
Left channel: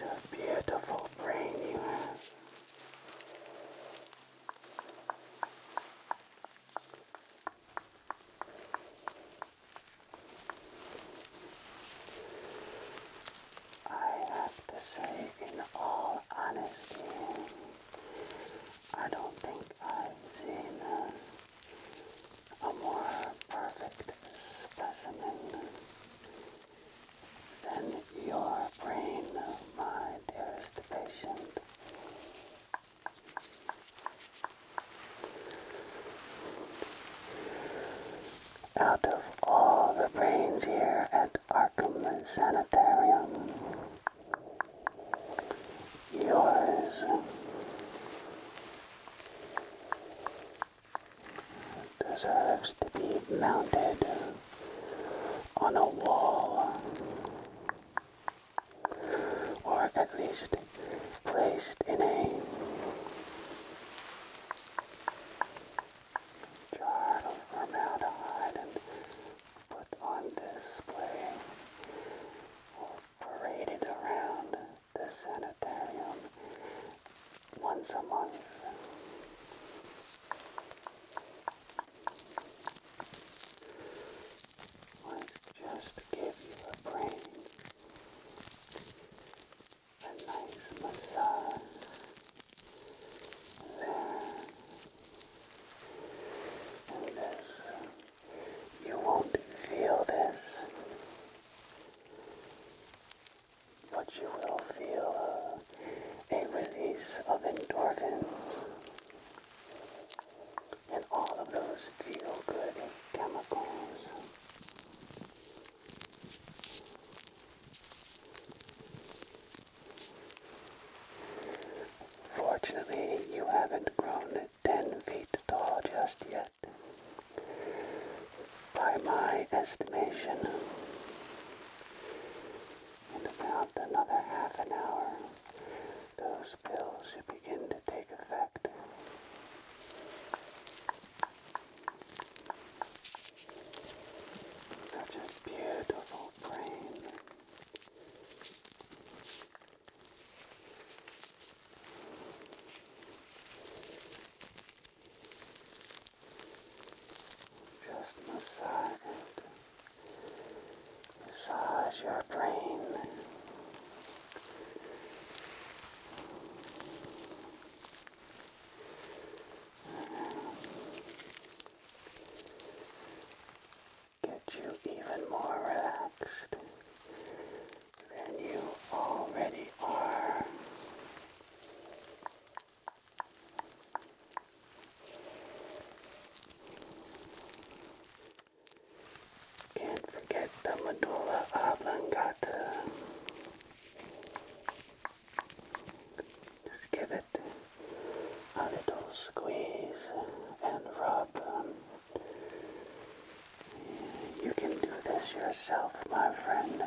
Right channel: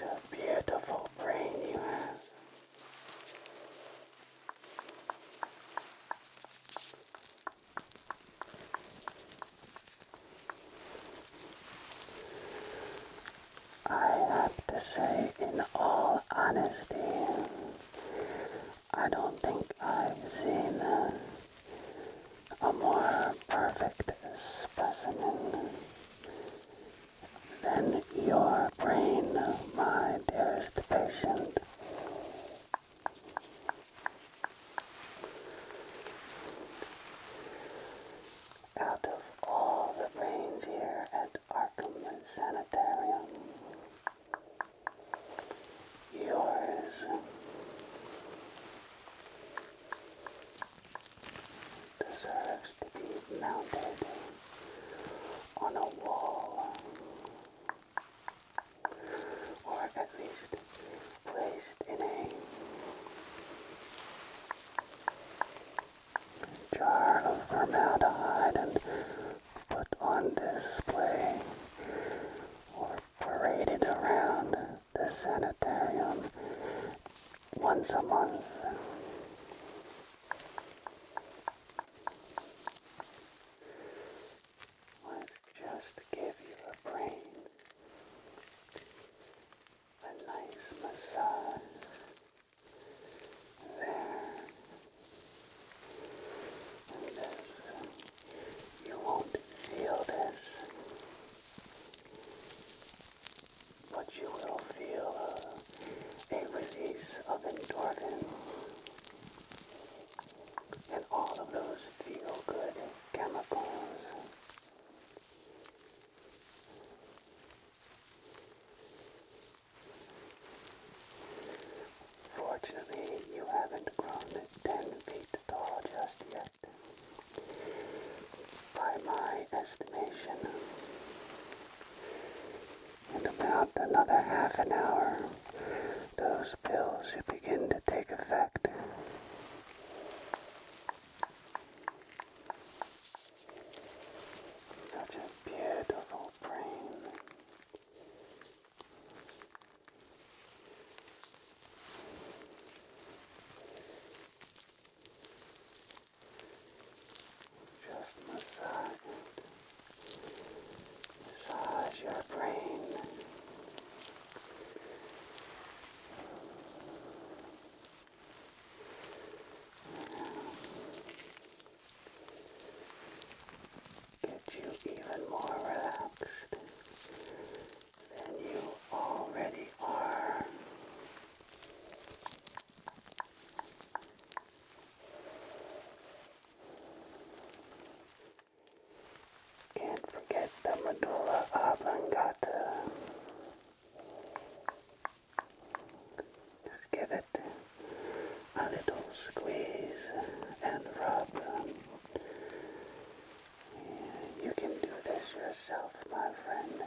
a beautiful brain you have. I have to say, in all honesty, I don't think I've seen a more perfect specimen than your brain, my dearest patient. Out of all the brains here at Arkham Sanitarium, yours deserves to be mounted on a wall, or at least placed in a jar of formaldehyde and put on display or paraded around the sanitarium once a month. Let's just give you a brain a nice massage there. And this, you won't feel this, but you will feel a release of endorphins and all of those feel-good chemicals. Fortunately, you haven't grown 10 feet tall just yet. By my estimation, in about another half an hour, those pills should begin to take effect. Such a beautiful brain. Just massage it. Massage your brain. Get you even more relaxed than you already are. Can't forget the medulla oblongata. Just give it a little squeeze and rub. You can do this yourself, my friend.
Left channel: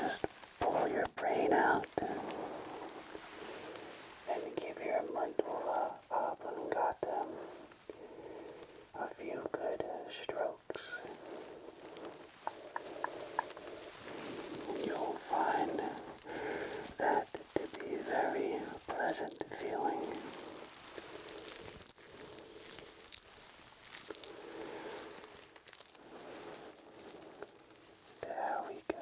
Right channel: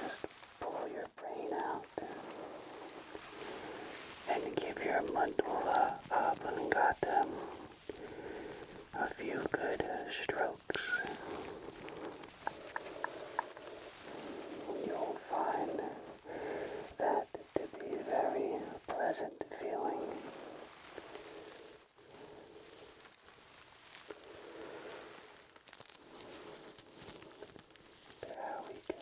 Just pull your brain out and give your medulla oblongata a few good strokes. You'll find that to be very pleasant feeling. There we go.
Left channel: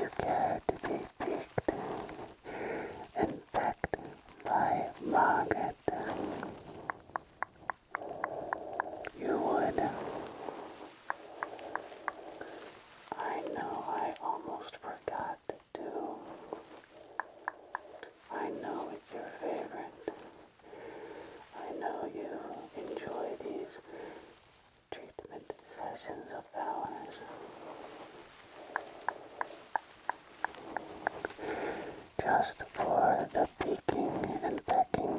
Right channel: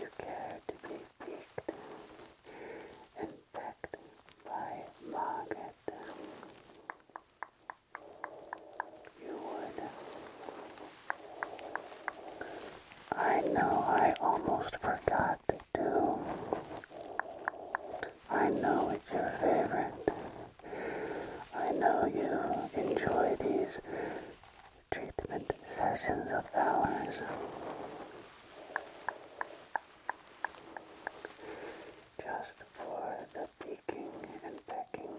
you care to be peeked and pecked by Margaret, you would. I know I almost forgot to. I know it's your favorite. I know you enjoy these treatment sessions of ours. Just for the peeking and pecking.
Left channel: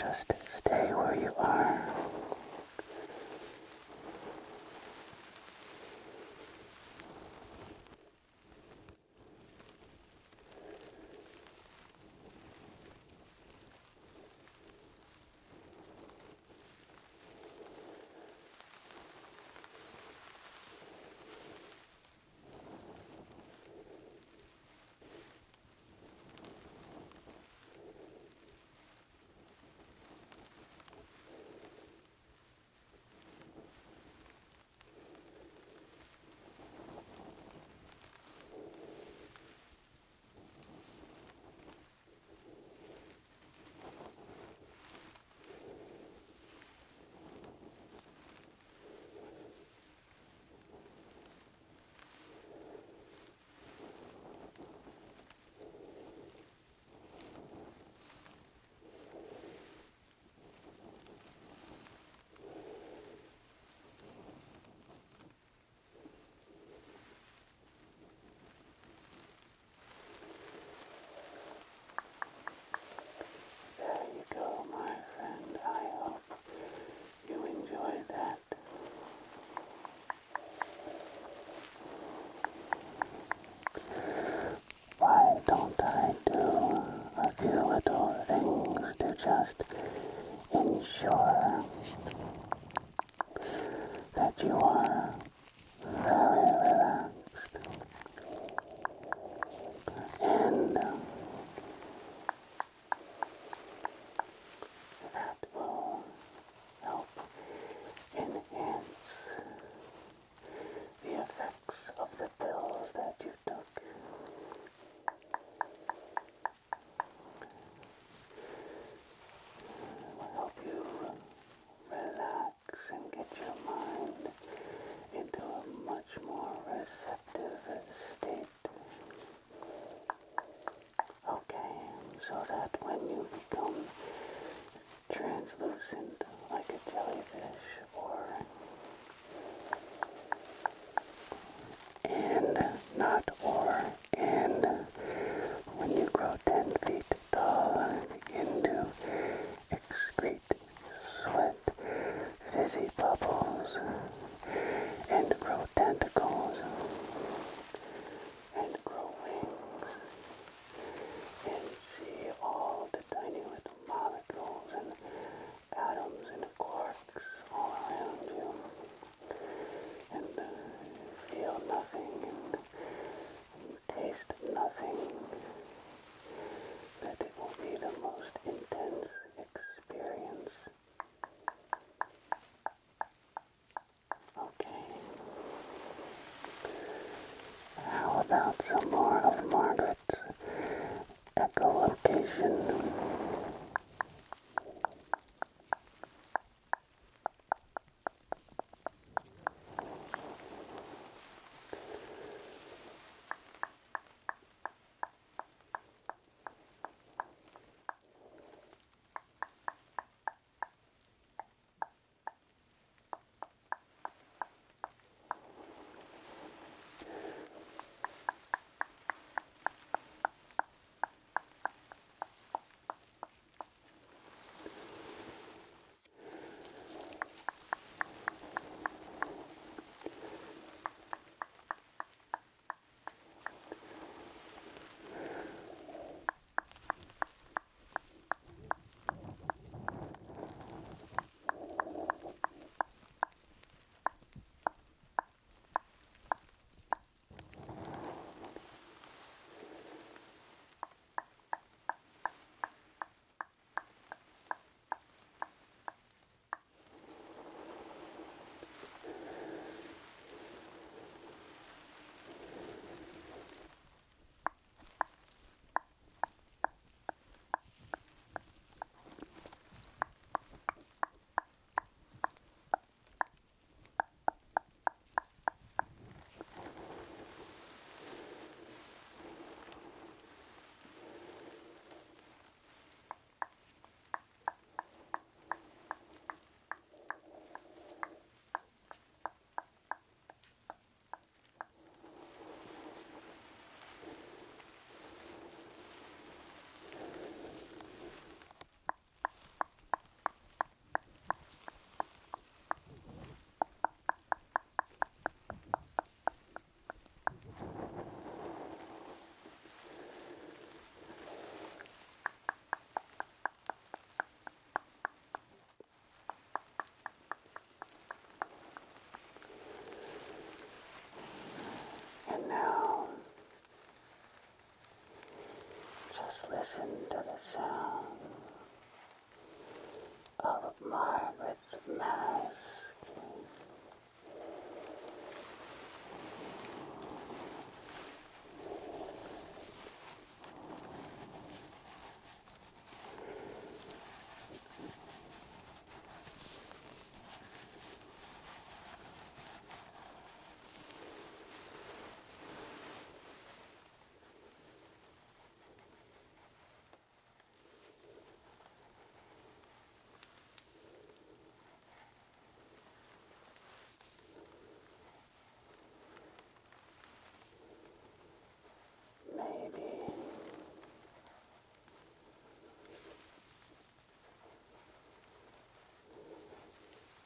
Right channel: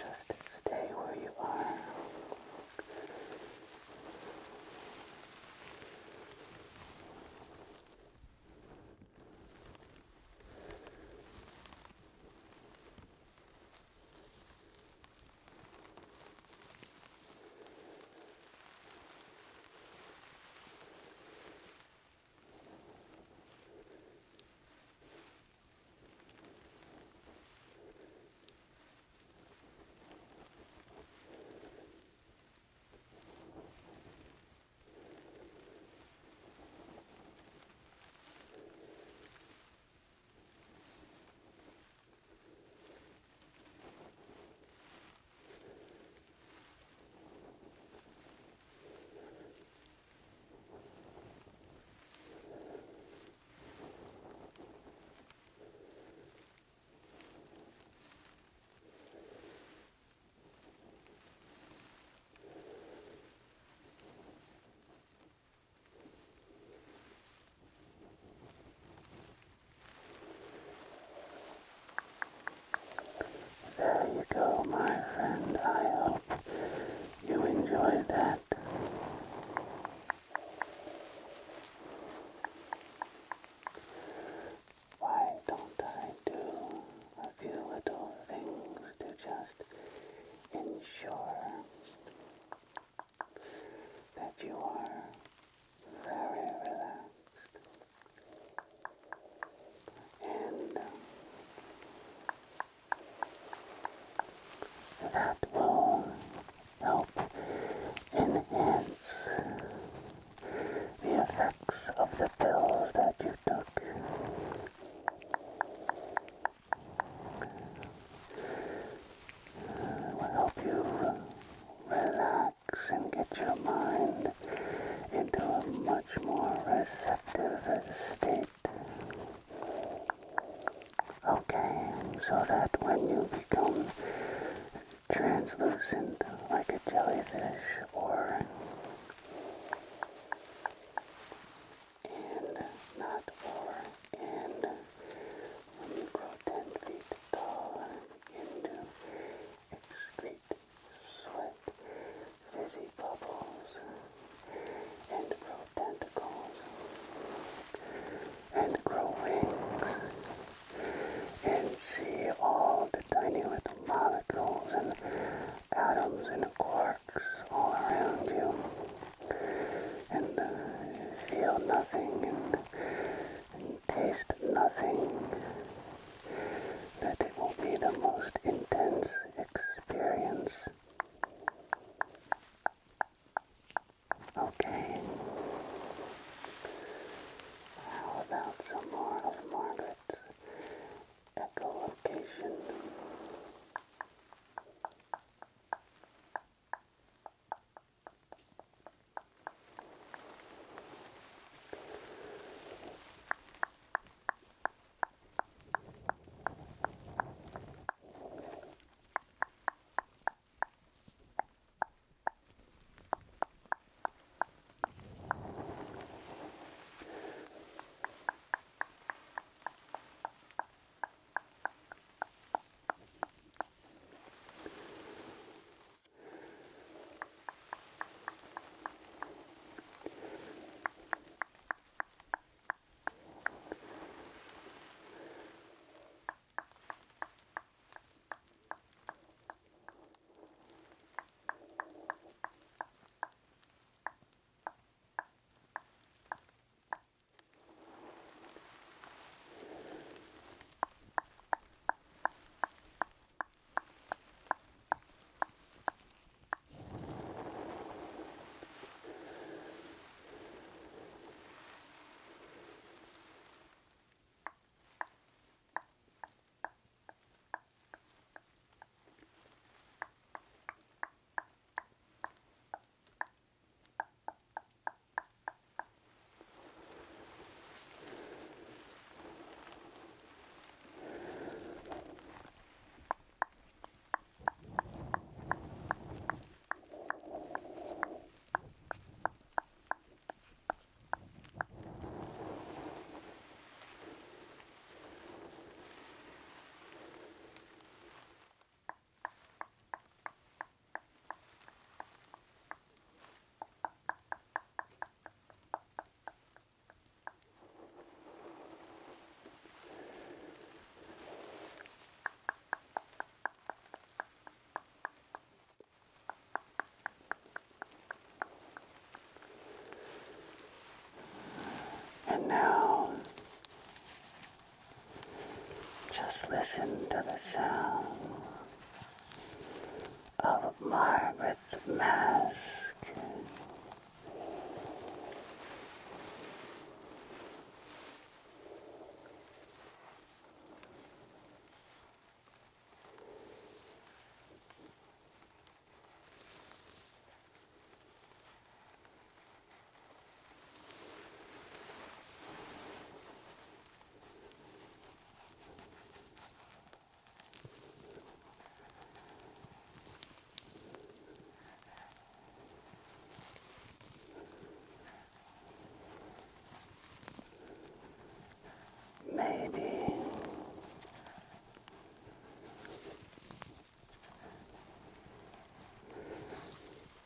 Just stay where you are. There you go, my friend. I hope you enjoyed that. Why don't I do a few little things to just ensure that you are very relaxed and that will help enhance the effects of the pills that you took. It will help you relax and get your mind into a much more receptive state. Okay, so that when you become translucent like a jellyfish and when you grow 10 feet tall and begin to excrete sweat, fizzy bubbles, and grow tentacles, and grow wings, and see all the tiny little molecules and atoms and quarks all around you, and feel nothing and taste nothing, that it will be the most intense experience. Okay. How about some more of Margaret's echolocation? listen to the sound of Margaret's mask. Maybe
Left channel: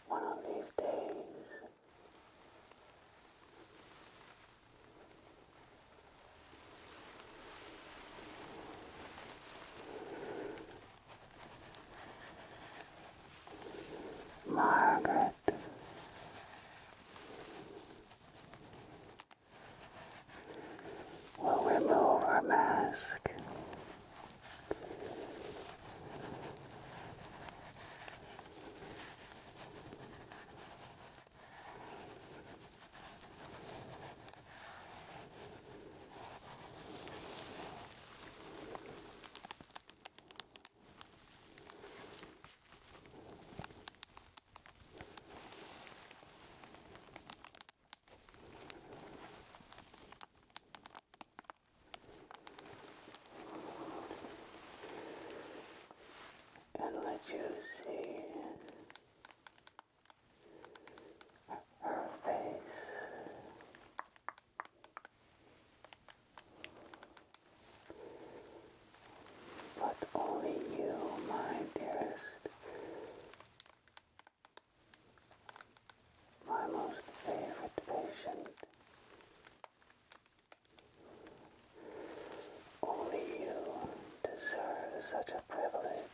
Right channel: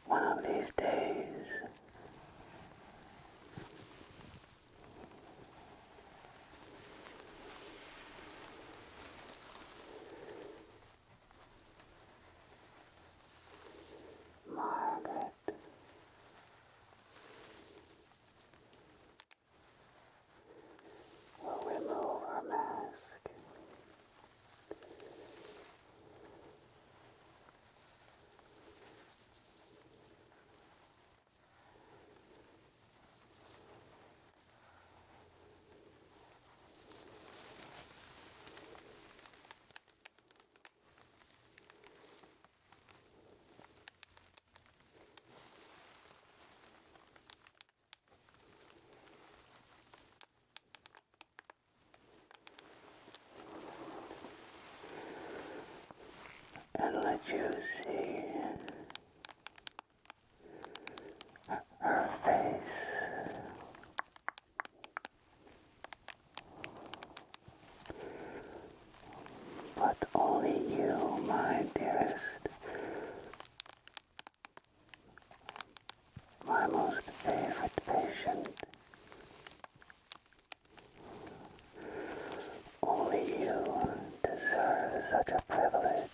one of these days Margaret will remove her mask and let you see her face. But only you, my dearest, my most favorite patient, only you deserve such a privilege.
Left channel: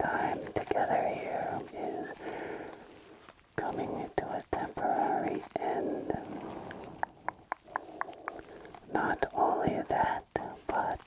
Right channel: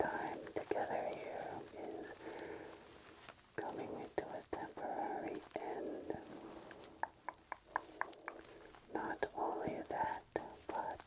our time together here is coming to a temporary end. Not only that, but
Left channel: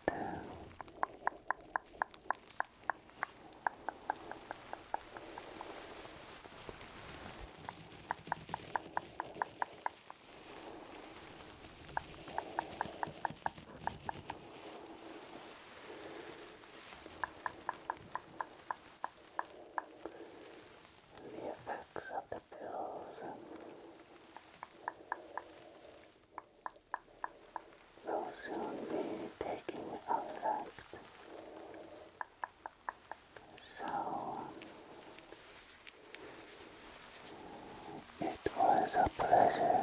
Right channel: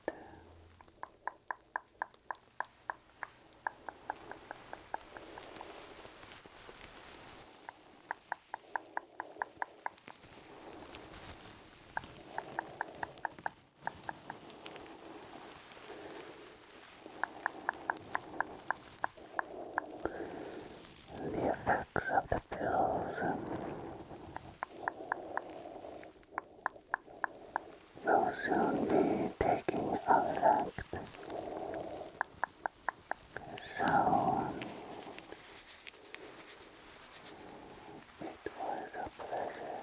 the effects of the pills will soon be taking effect. So, it was a pleasure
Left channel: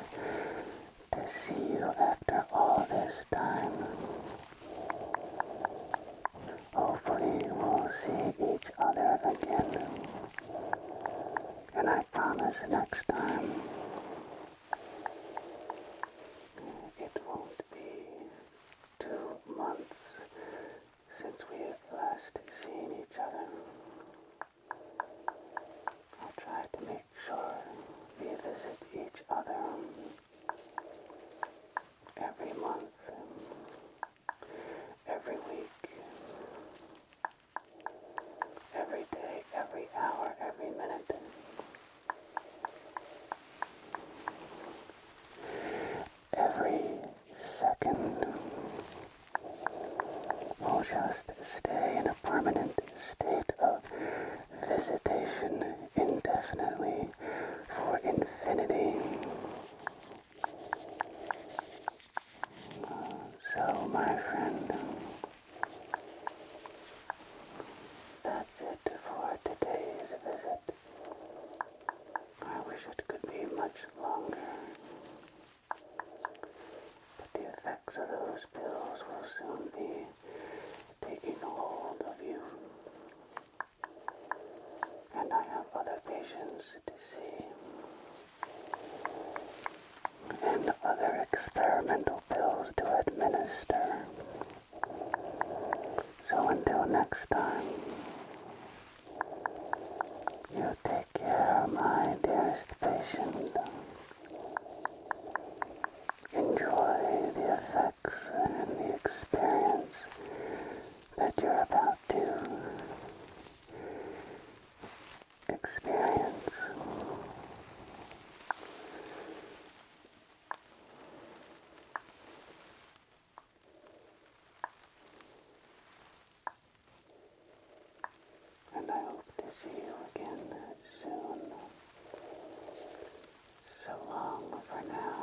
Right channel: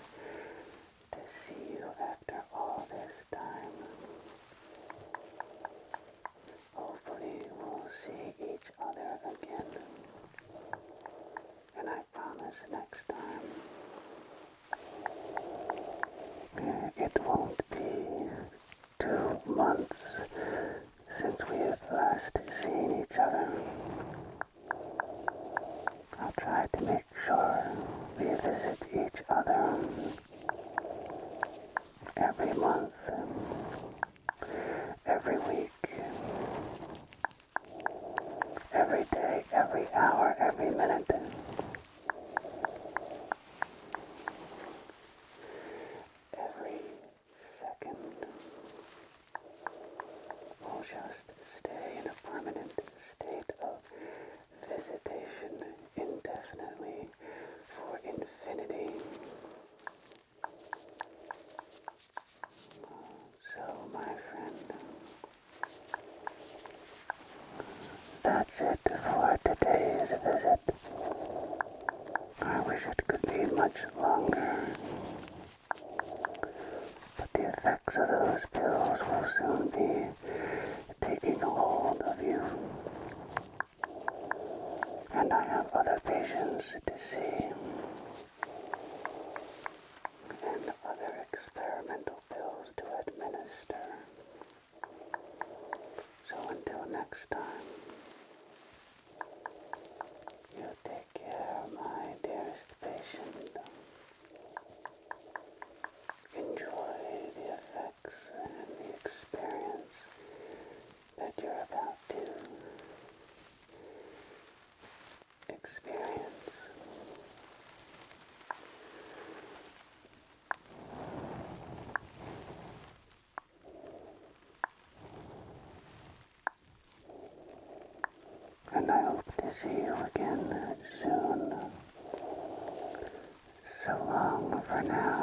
to see you after all this time. Hopefully we'll see each other again. And I promise next time it won't be 2 months since we have last seen each other. I'll try to make sure we visit each other every month, every week, every day, every hour, every minute. Every second. We'll just stay in a permanent state of visitation indefinitely for infinity. So, my friend, that's it for today's visit. I wish it could be much longer, but the effects of those pills will soon be taking a hold of you. And I have other patients to see, and other experimental pills to administer. So until next time, you take care, my dearest patient. Enjoy the effects and the experience that you're about to experience. And I hope to see you again soon. So long for now.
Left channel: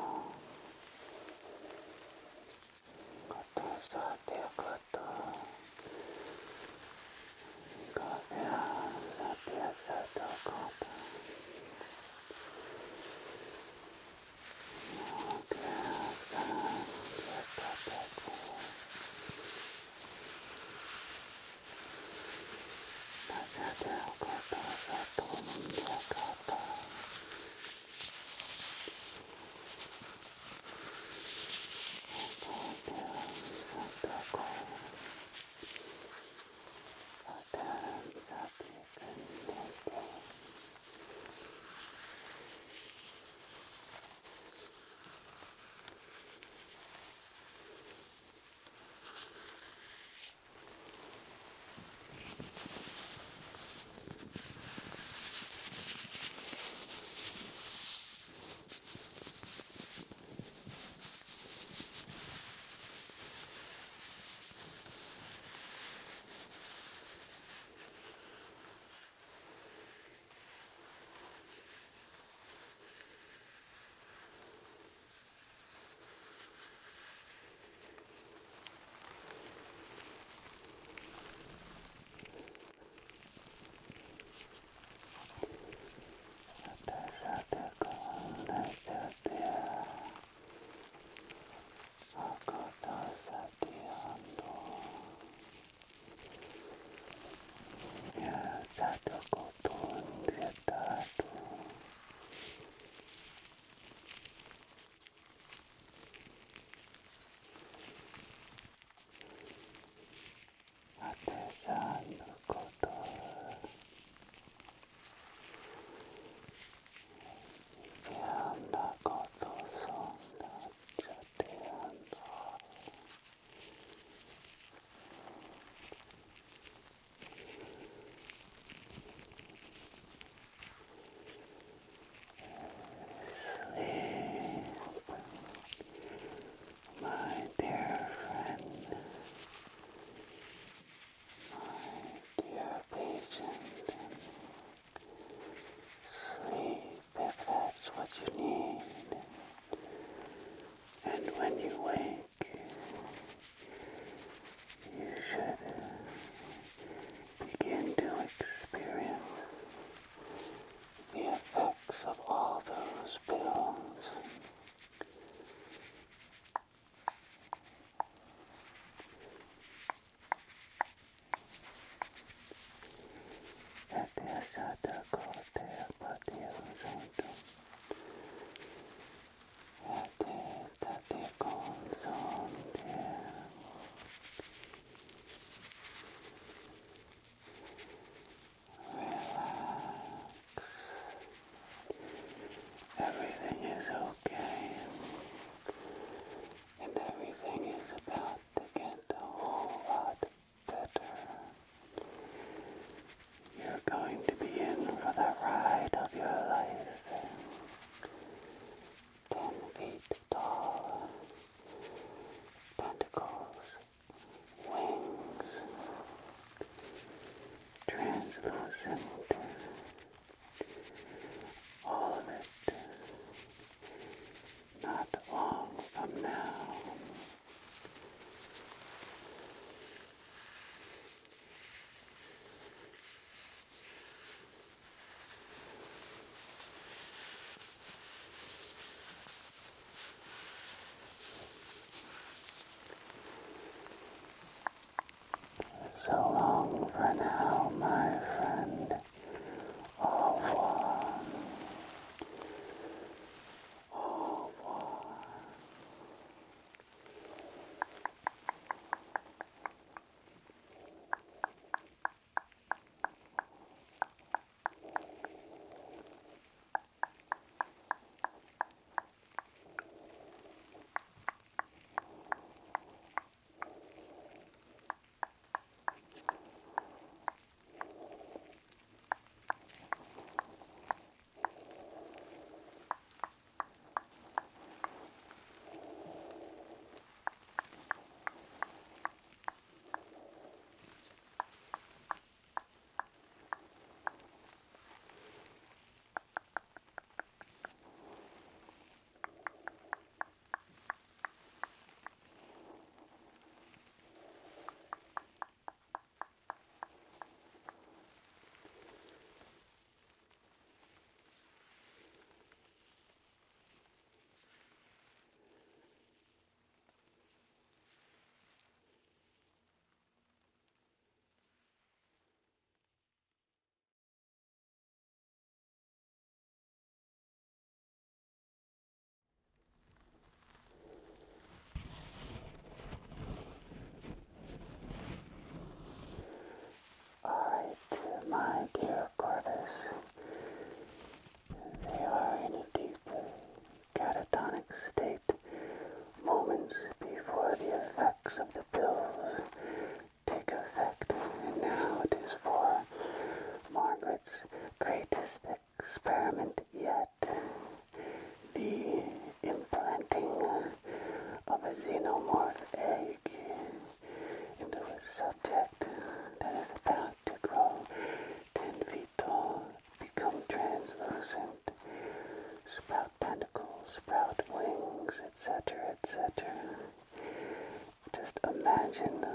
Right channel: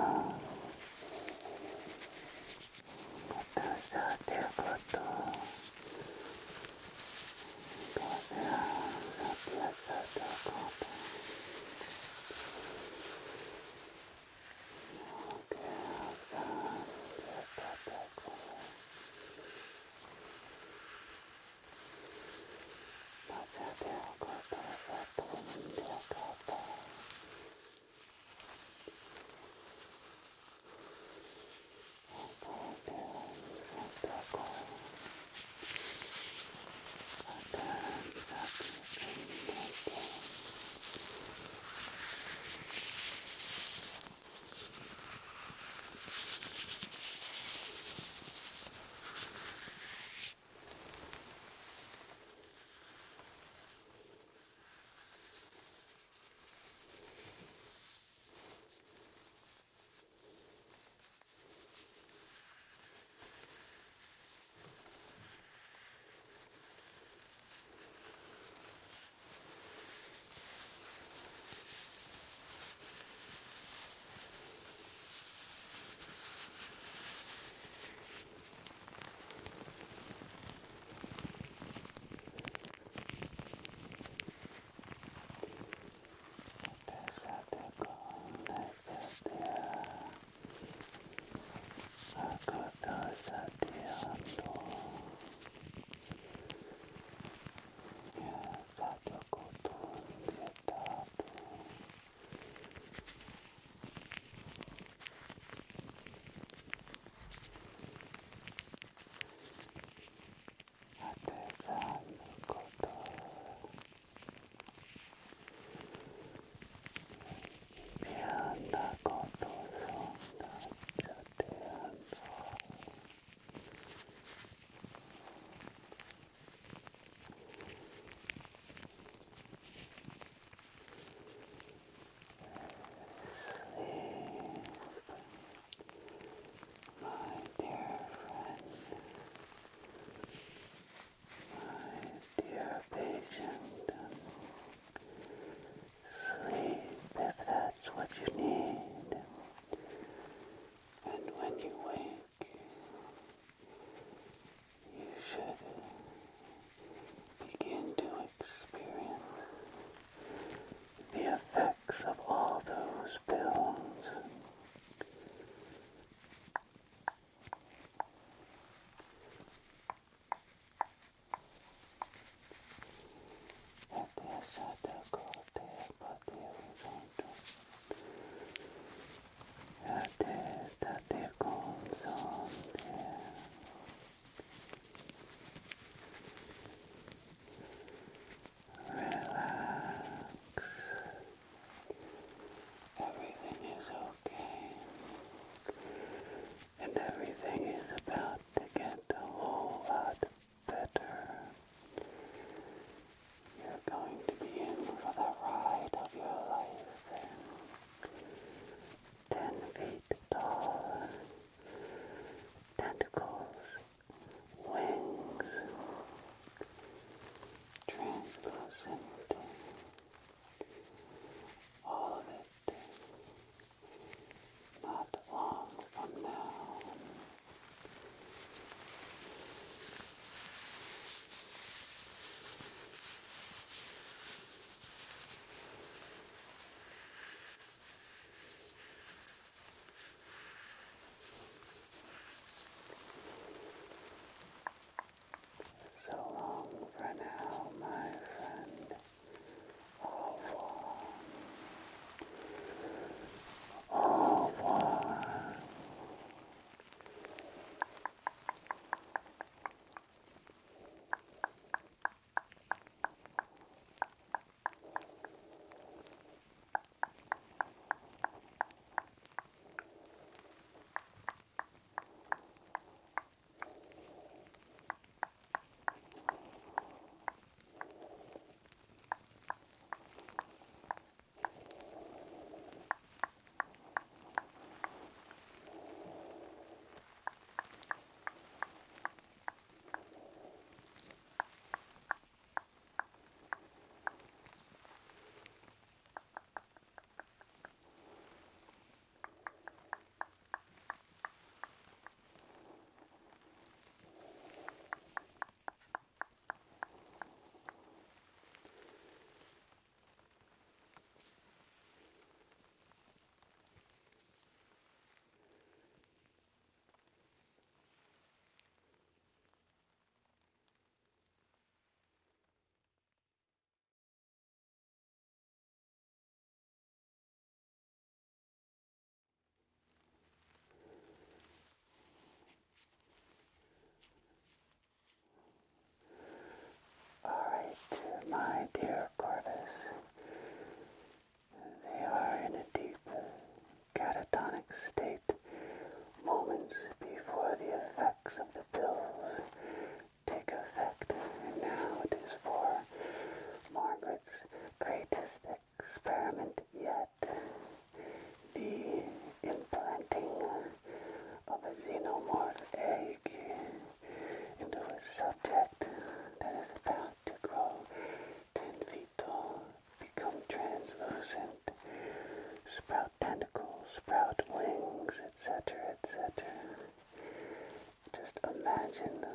imagine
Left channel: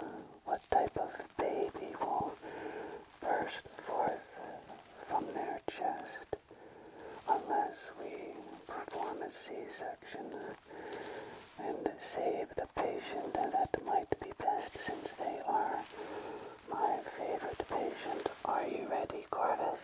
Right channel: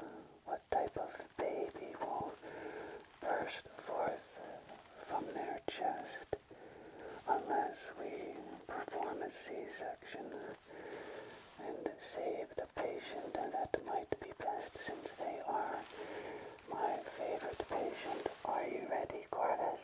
what type of baby will burst forth from their chest unless we perform a C-section and save the patient, and that might be best since they are my favorite patient. Are you ready, Corvus?